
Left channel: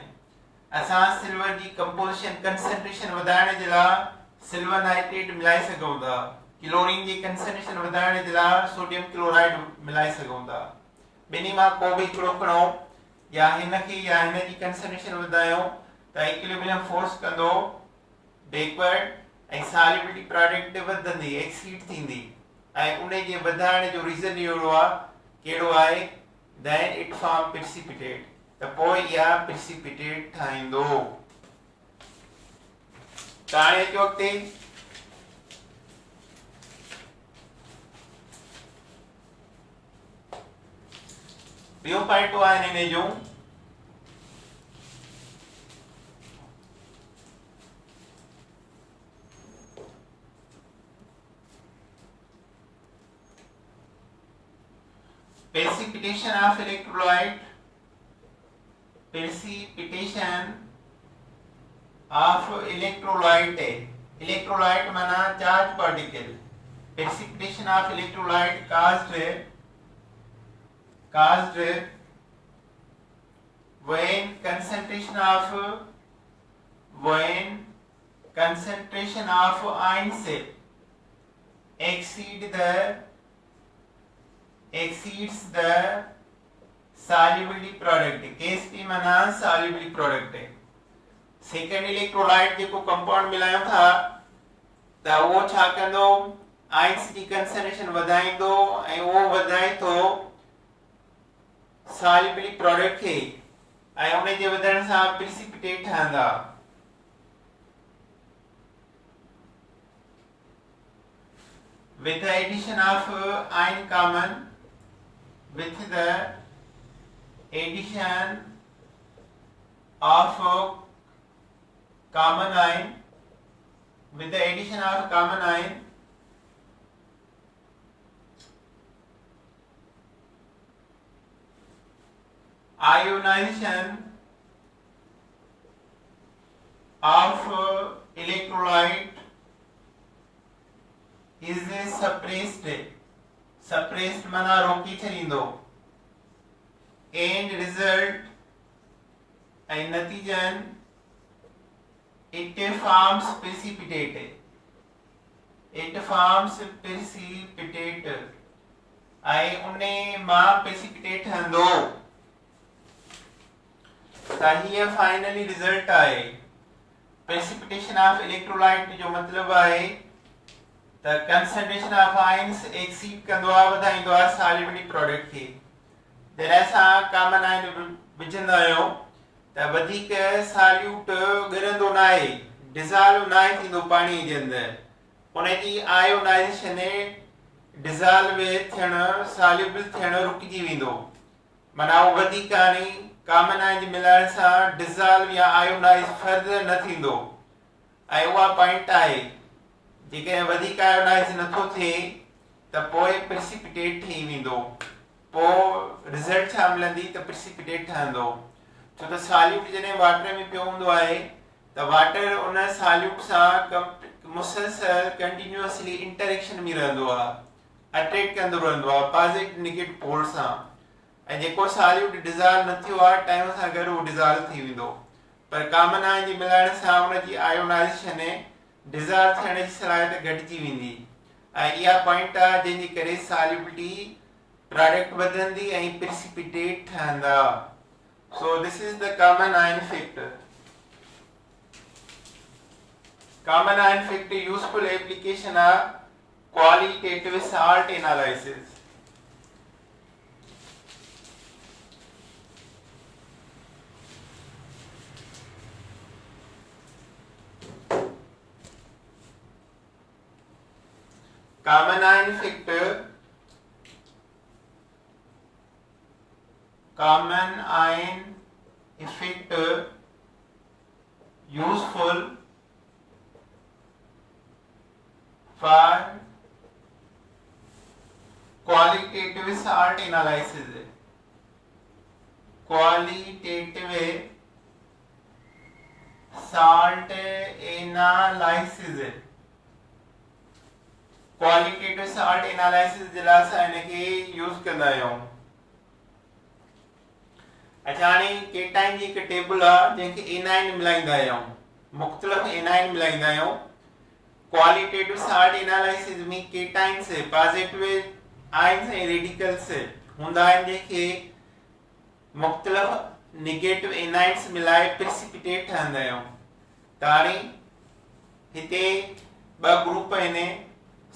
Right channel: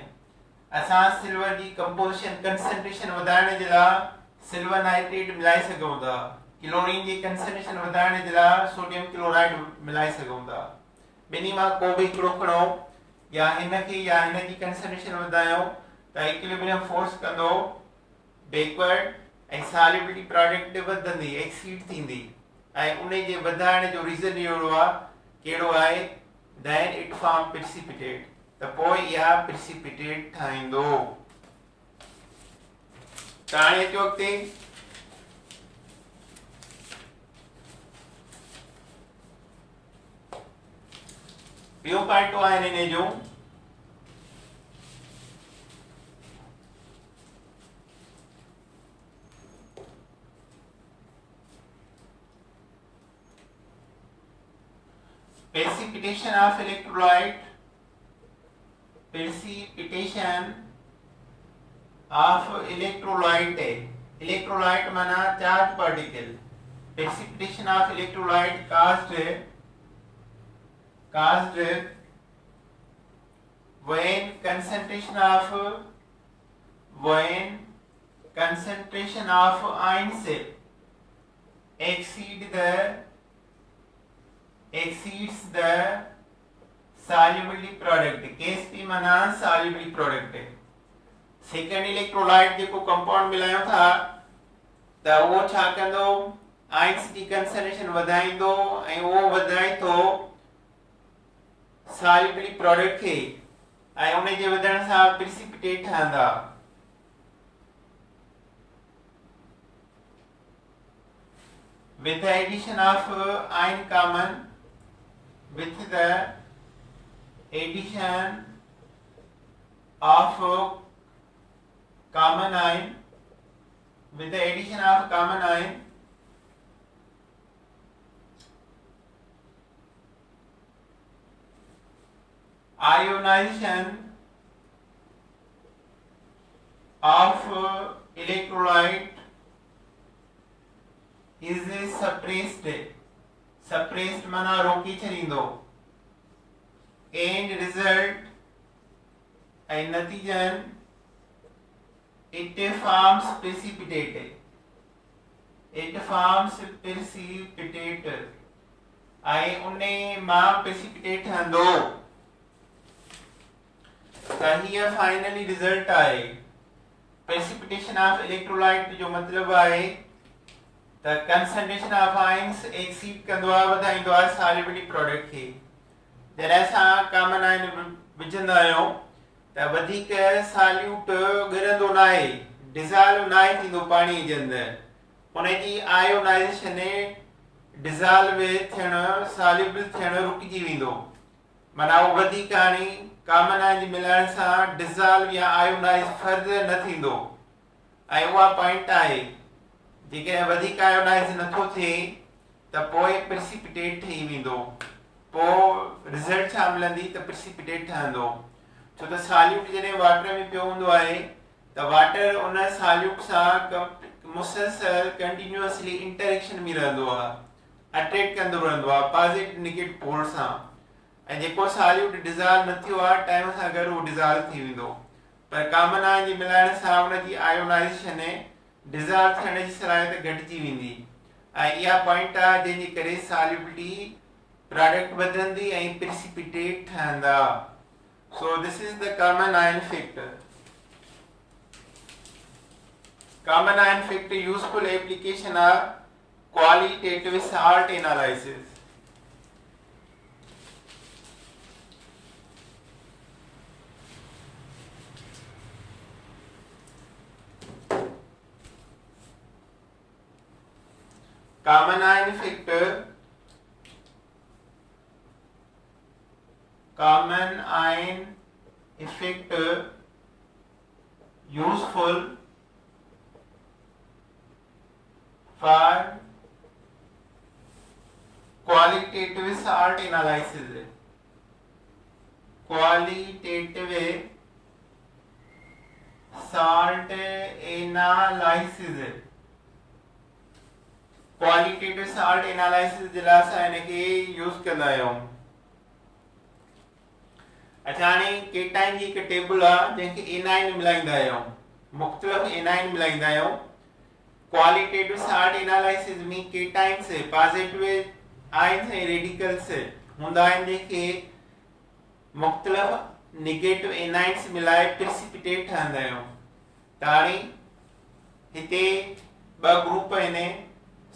असां सिल्वर जी कंपोजिशन कंसंट्रेशन वधाइण जे लाइ सिल्वर नाइट्रेट मिलाए सघूं था क्लोरीन जी कंसंट्रेशन वधाइण जे लाइ सोडियम क्लोराइड मिलाए सघूं था ॿिन्ही मां को बि हिकिड़ो खणो या हिनखे या हिन जी कंसंट्रेशन वधायूं त इक्विलिब्रियम फोर्स कंदो बैकवर्ड ऐं सॉल्युबिलिटी प्रोडक्ट वधंदी एक्सीड थींदी ऐं उन जे वधाइण जो रीज़न अहिड़ो आहे कहिड़ो आहे then it form precipitate त पोइ इहा precipitate ठाहींदो त हाणे अचो अॻिते ॿियो पार्टो आहे हिन जो precipitation of electrolyte electrolyte माना charged particle precipitation of electrolyte caused when concentration of ions exceeds the solubility product KSP माना solubility product सेकेंड इलेक्ट्रोलाइट जेको कंपाउंड मिलायूं था त उहो छा कंदो आयंस जी कंसंट्रेशन वधाईंदो ऐं उहो वधाए थो solubility प्रोडक्ट खे ऐं उन जे वधण सां प्रिसिपिटेट ठहंदा with the addition of ion common with the addition of common ion ionization of electrolyte is suppressed माना रोकी छॾींदो and result ऐं नतीजन it forms precipitate ऐं उन्हे मां precipitate ठहंदो त हीअ फाइनली रिजल्ट आहे precipitation of electrolyte जो मतिलबु आहे त concentration of ions exceed कंदो आहे वधाईंदो आहे solubility प्रोडक्ट खे जॾहिं असां कॉमन आयन विझंदा आहियूं त वधीक सॉल्यूट ॻरंदो न आहे डिज़ॉल्व न आहे थींदो पाणीअ जे अंदरि उनजी आयोनाइज़ेशन डिज़ॉल्व थियण सॉल्युबल थियण रुकिजी वेंदो माना उहो वधीक हाणे कॉमन आयन जे मिलाइण सां डिज़ॉल्व या आयोनाइज़ फर्दर न थींदो ऐं उहा पॉइंट आहे जेकॾहिं वधीक आयोनाइज़ नथो थिए त पोइ प्रिसिपिटेट ठही वेंदो पोइ रिज़ल्ट छा मिलंदी त प्रिसिपिटेट ठहंदो छो त सॉल्यूट जॾहिं वाटर में पियो हूंदो आहे त वाटर उन सॉल्यूट सां मुसलसल कंटिन्यूअसली इंटरेक्शन में रहंदो आहे अट्रैक्ट कंदो रहंदो आहे पॉजिटिव नेगेटिव पोल सां ऐं जेको सॉल्यूट डिज़ॉल्व न थियो आहे टाइम सां गॾु उहो डिज़ॉल्व थी वेंदो पर कॉमन आयन जे मिलाइण सां उनजी आयोनाइज़ेशन डिज़ॉल्व थियण जी सलाहियत घटिजी वेंदी ऐं इहा पॉइंट आहे जंहिंजे करे सॉल्युबिलिटी प्रोडक्ट वधंदी ऐं प्रिसिपिटेट ठहंदा so this is the common ion effect common ion effect useful application of qualitative salt analysis common ion effect useful for qualitative salt analysis. Qualitative salt analysis. Qualitative salt analysis जिला सा इनके use कंदा आहियूं। अच्छा हाणे cation जी हिकु table आहे जंहिंखे एनाइन मिलाईंदा आहियूं, मुख़्तलिफ़ एनाइन मिलाईंदा आहियूं। क्वालिटेटिव साल्ट एनालिसिस में केटाइन्स पॉजिटिव आयन्स ऐं रेडिकल्स हूंदा आहिनि जंहिंखे मुख़्तलिफ़ नेगेटिव एनाइन्स मिलाए प्रेसिपिटेट ठहंदा आहियूं। त हाणे हिते ॿ ग्रुप आहिनि,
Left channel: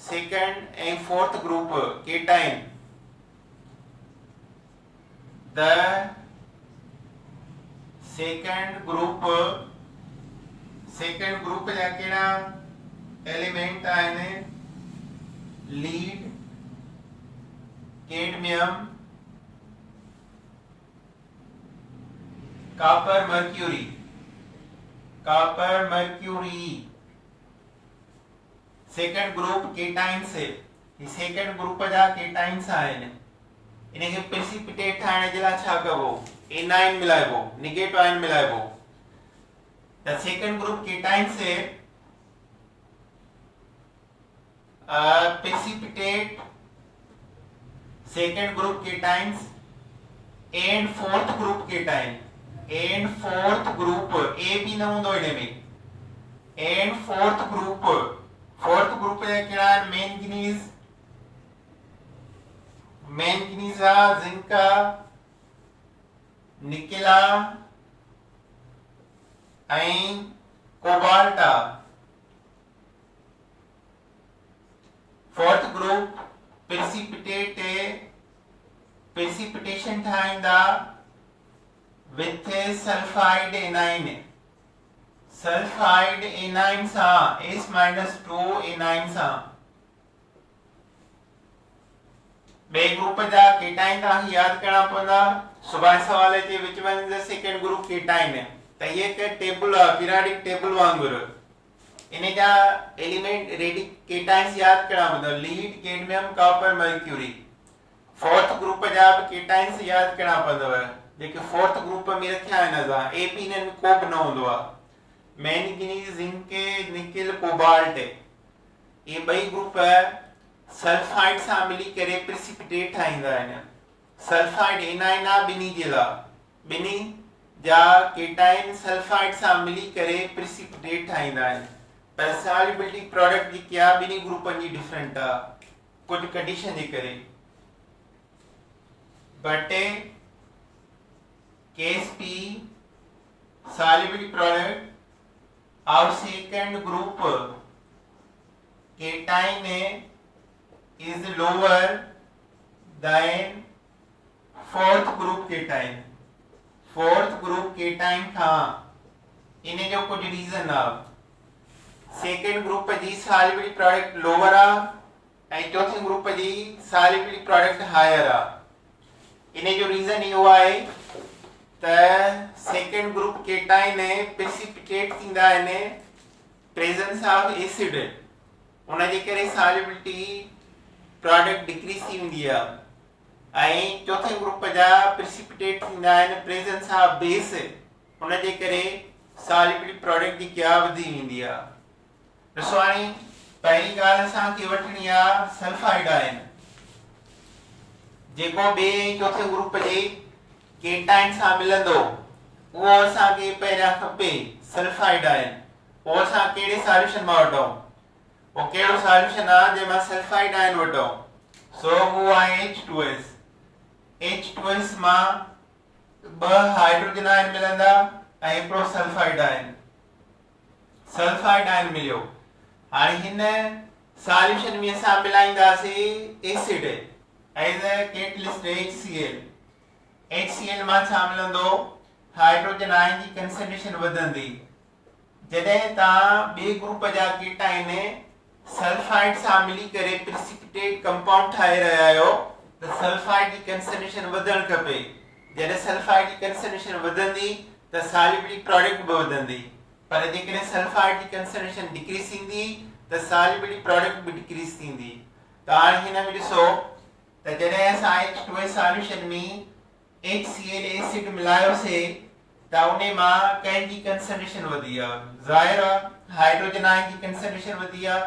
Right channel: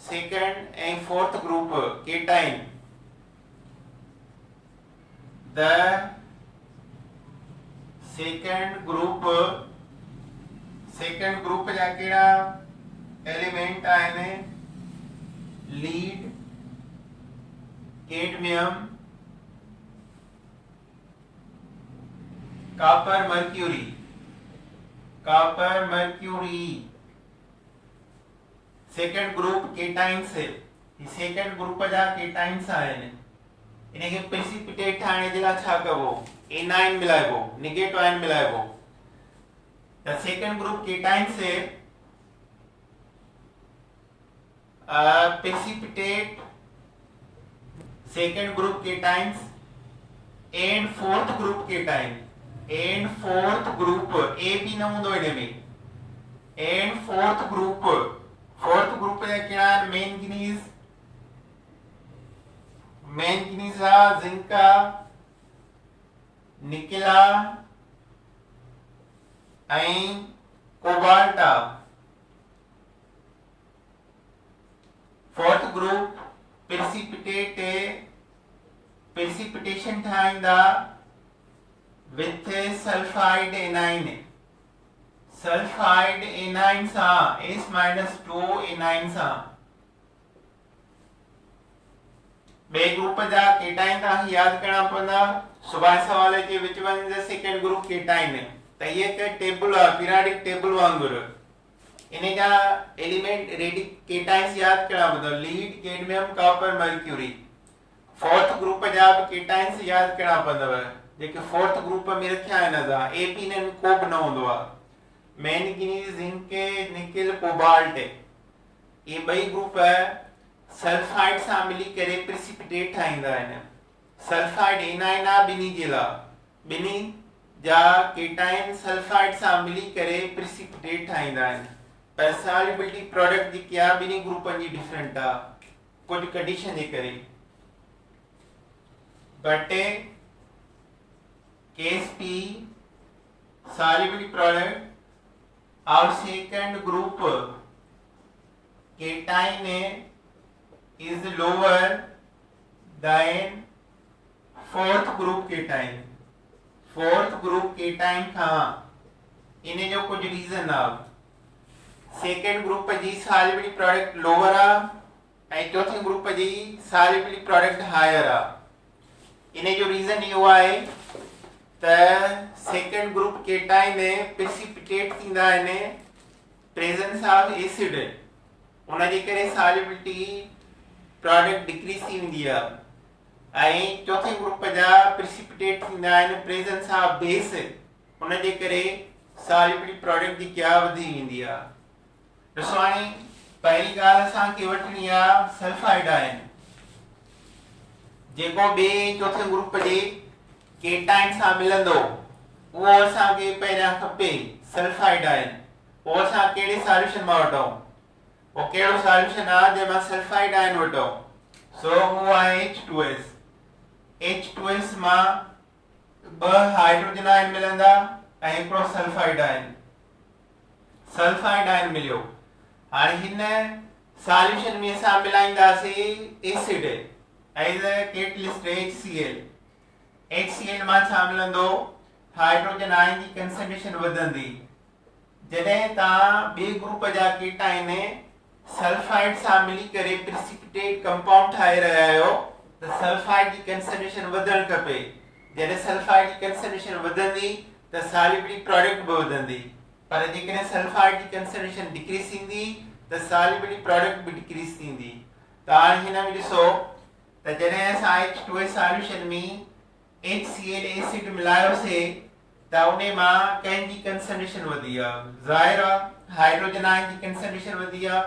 second and fourth group cation. The second group जा कहिड़ा एलिमेंट आहिनि? Lead, cadmium, copper mercury. Second group cations है। सेकंड ग्रुप जा केटाइन्स आहिनि, इनखे प्रेसिपिटेट ठाहिण जे लाइ छा कबो? एनाइन मिलाइबो, नेगेटिव आयन मिलाइबो। द सेकंड ग्रुप केटाइन्स है precipitate second group cations and fourth group cation and fourth group A भी न हूंदो इन में and fourth group जा कहिड़ा मैंगनीज जिंका निकेला ऐं कोबाल्टा। फोर्थ ग्रुप precipitation ठाहींदा with sulfide anion सां S-2 anion सां। बे ग्रुप जा केटाइन तव्हांखे यादि करणा पवंदा। सुभाणे सवाल अचे which one is the second group cation, त इहे हिकु टेबल आहे, पीरियोडिक टेबल वांगुरु। इन जा एलिमेंट रेडिक केटाइन्स यादि करणा पवंदा, lead, cadmium, copper, mercury. Fourth group जा बि केटाइन्स यादि करणा पवंदव, जेके फोर्थ ग्रुप में रखिया आहिनि असां। ए पी न को बि न हूंदो आहे। मैंगनीज, जिंक, निकेल, कोबाल्ट, ये ॿई ग्रुप सल्फाइड सां मिली करे प्रेसिपिटेट ठाहींदा आहिनि। सल्फाइड एनाइन आहे ॿिन्ही जे लाइ, ॿिन्ही जा केटाइन सल्फाइड सां मिली करे प्रेसिपिटेट ठाहींदा आहिनि। पर सॉल्युबिलिटी प्रोडक्ट जेकी आहे ॿिन्ही ग्रुपनि जी डिफरेंट आहे कुझु कंडीशन जे करे। But case P solubility product of second group cation is lower than fourth group cation। fourth group cation खां इन जो कुछ रीजन आहे। सेकंड ग्रुप जी solubility product lower आहे ऐं चौथे ग्रुप जी solubility product higher आहे। इन जो रीजन इहो आहे त सेकंड ग्रुप केटाइन प्रेसिपिटेट थींदा आहिनि प्रेजेंस ऑफ एसिड, उन जे करे सॉल्युबिलिटी प्रोडक्ट डिक्रीज थी वेंदी आहे। ऐं चौथे ग्रुप जा प्रेसिपिटेट थींदा आहिनि प्रेजेंस ऑफ बेस, उन जे करे सॉल्युबिलिटी प्रोडक्ट जी क्या वधी वेंदी आहे। ॾिसो हाणे पहिरीं ॻाल्हि असांखे वठणी आहे सल्फाइड आयन, जेको ॿिए चौथे ग्रुप जे केटाइन सां मिलंदो उहो असांखे पहिरियां खपे सल्फाइड आयन। पोइ असां कहिड़े सॉल्यूशन मां वठूं? उहो कहिड़ो सॉल्यूशन आहे जंहिंमां सल्फाइड आयन वठूं? सो उहो आहे H2S। H2S मां ॿ हाइड्रोजन आयन मिलंदा ऐं हिकिड़ो सल्फाइड आयन मिलियो। हाणे हिन सॉल्यूशन में असां मिलाईंदासीं acid as a catalyst HCl मां छा मिलंदो? हाइड्रोजन आयन जी कंसंट्रेशन वधंदी। जॾहिं तव्हां ॿिए ग्रुप जा केटाइन सल्फाइड सां मिली करे प्रेसिपिटेट कंपाउंड ठाहे रहिया आहियो त सल्फाइड जी कंसंट्रेशन वधणु खपे। जॾहिं सल्फाइड जी कंसंट्रेशन वधंदी त सॉल्युबिलिटी प्रोडक्ट बि वधंदी। पर जेकॾहिं सल्फाइड जी कंसंट्रेशन डिक्रीज़ थींदी त सॉल्युबिलिटी प्रोडक्ट बि डिक्रीज़ थींदी। त हाणे हिन में ॾिसो त जॾहिं असां H2 सॉल्यूशन में HCl एसिड मिलायोसीं त उन मां कंहिंजी कंसंट्रेशन वधी आहे, ज़ाहिर आहे हाइड्रोजन आयन जी कंसंट्रेशन वधी आहे।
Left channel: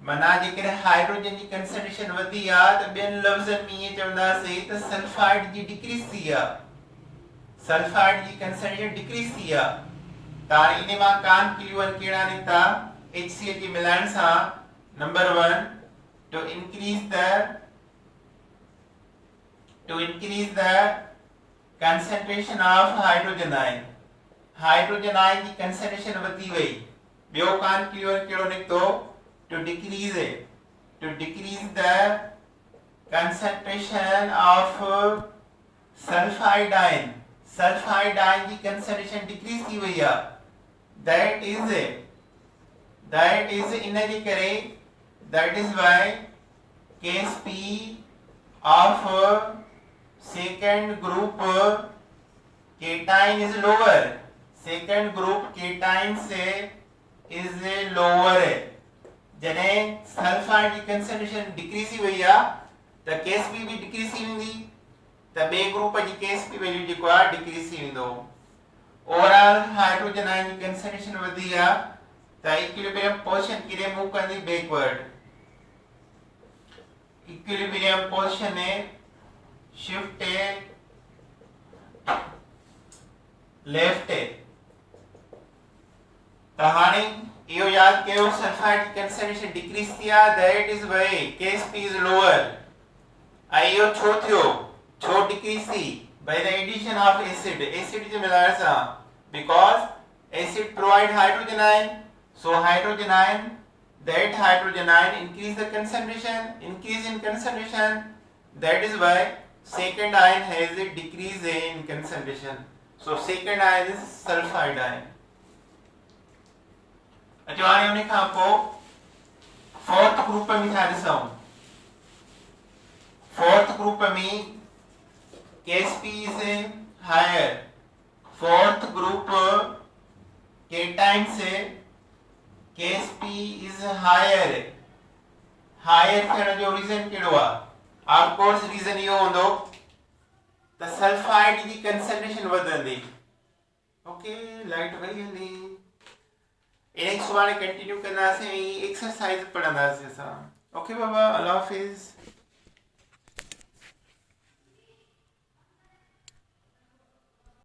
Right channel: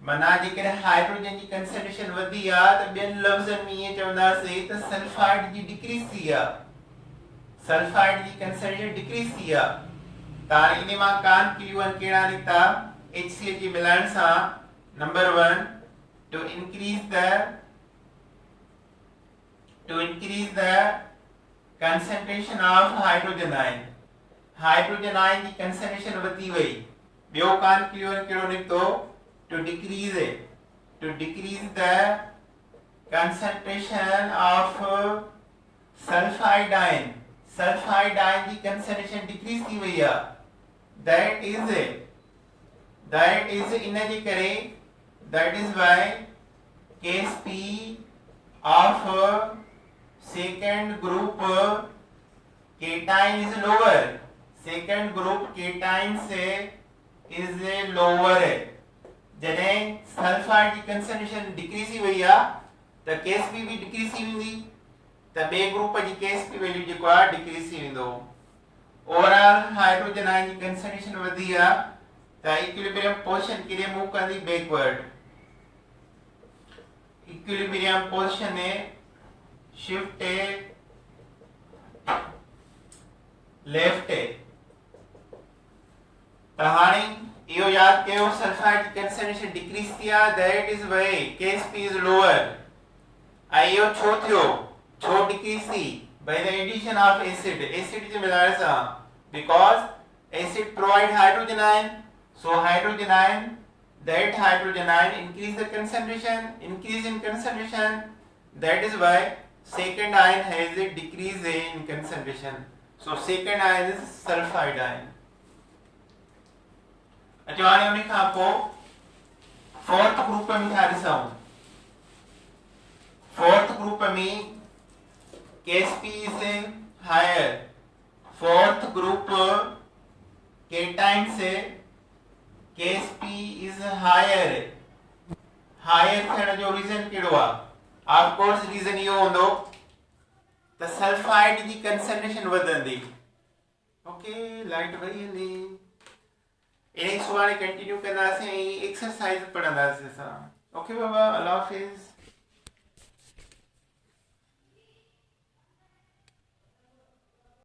माना जेकॾहिं हाइड्रोजन जी कंसंट्रेशन वधी आहे त ॿियनि लफ़्ज़नि में ईअं चवंदासीं त सल्फाइड जी डिक्रीज़ थी आहे, सल्फाइड जी कंसंट्रेशन डिक्रीज़ थी आहे। त हाणे इन मां कॉन्क्लूजन कहिड़ा निकिता HCl जे मिलाइण सां? Number 1 to increase the concentration of hydrogen ion, hydrogen ion जी कंसंट्रेशन वधी वई। ॿियो कॉन्क्लूजन कहिड़ो निकितो? to decrease the concentration of sulfide ion, sulfide ion की concentration decrease थी वई आहे। that is इन जे करे that is why Ksp of second group cation is lower, second group cation से is lower है। जॾहिं सल्फाइड जी कंसंट्रेशन डिक्रीज़ थी वई आहे त Ksp बि डिक्रीज़ थी वेंदी, त ॿिए ग्रुप जी Ksp वैल्यू जेको आहे डिक्रीज़ थी वेंदो। ओवरऑल हाइड्रोजन आयन जी कंसंट्रेशन वधी आहे त इक्विलिब्रियम पोजीशन केॾे मूव कंदी? Backward. Equilibrium position shift left. त हाणे इहो याद कयो सल्फाइड की कंसंट्रेशन डिक्रीज थी आहे, that is why Ksp is lower. ऐं इहो छो थियो, छो डिक्रीज थी? By the addition of acid, acid जे मिलाइण सां। Because acid provide hydrogen ion, so hydrogen ion, that hydrogen ion increase the concentration, increase in concentration, that is why second ion has a decrease in concentration, so second ion is sulfide ion। अच्छा हाणे उन खां पोइ fourth group में था ॾिसूं। Fourth group में Ksp is higher, fourth group cation से Ksp is higher, higher थियण जो रीजन कहिड़ो आहे? ऑफ कोर्स रीजन इहो हूंदो त सल्फाइड जी कंसंट्रेशन वधंदी। ओके, लाइट वई हली। इन्हें सुभाणे कंटिन्यू कंदासीं, एक्सरसाइज पढ़ंदासीं असां। ओके बाबा, अल्लाह हाफिज़।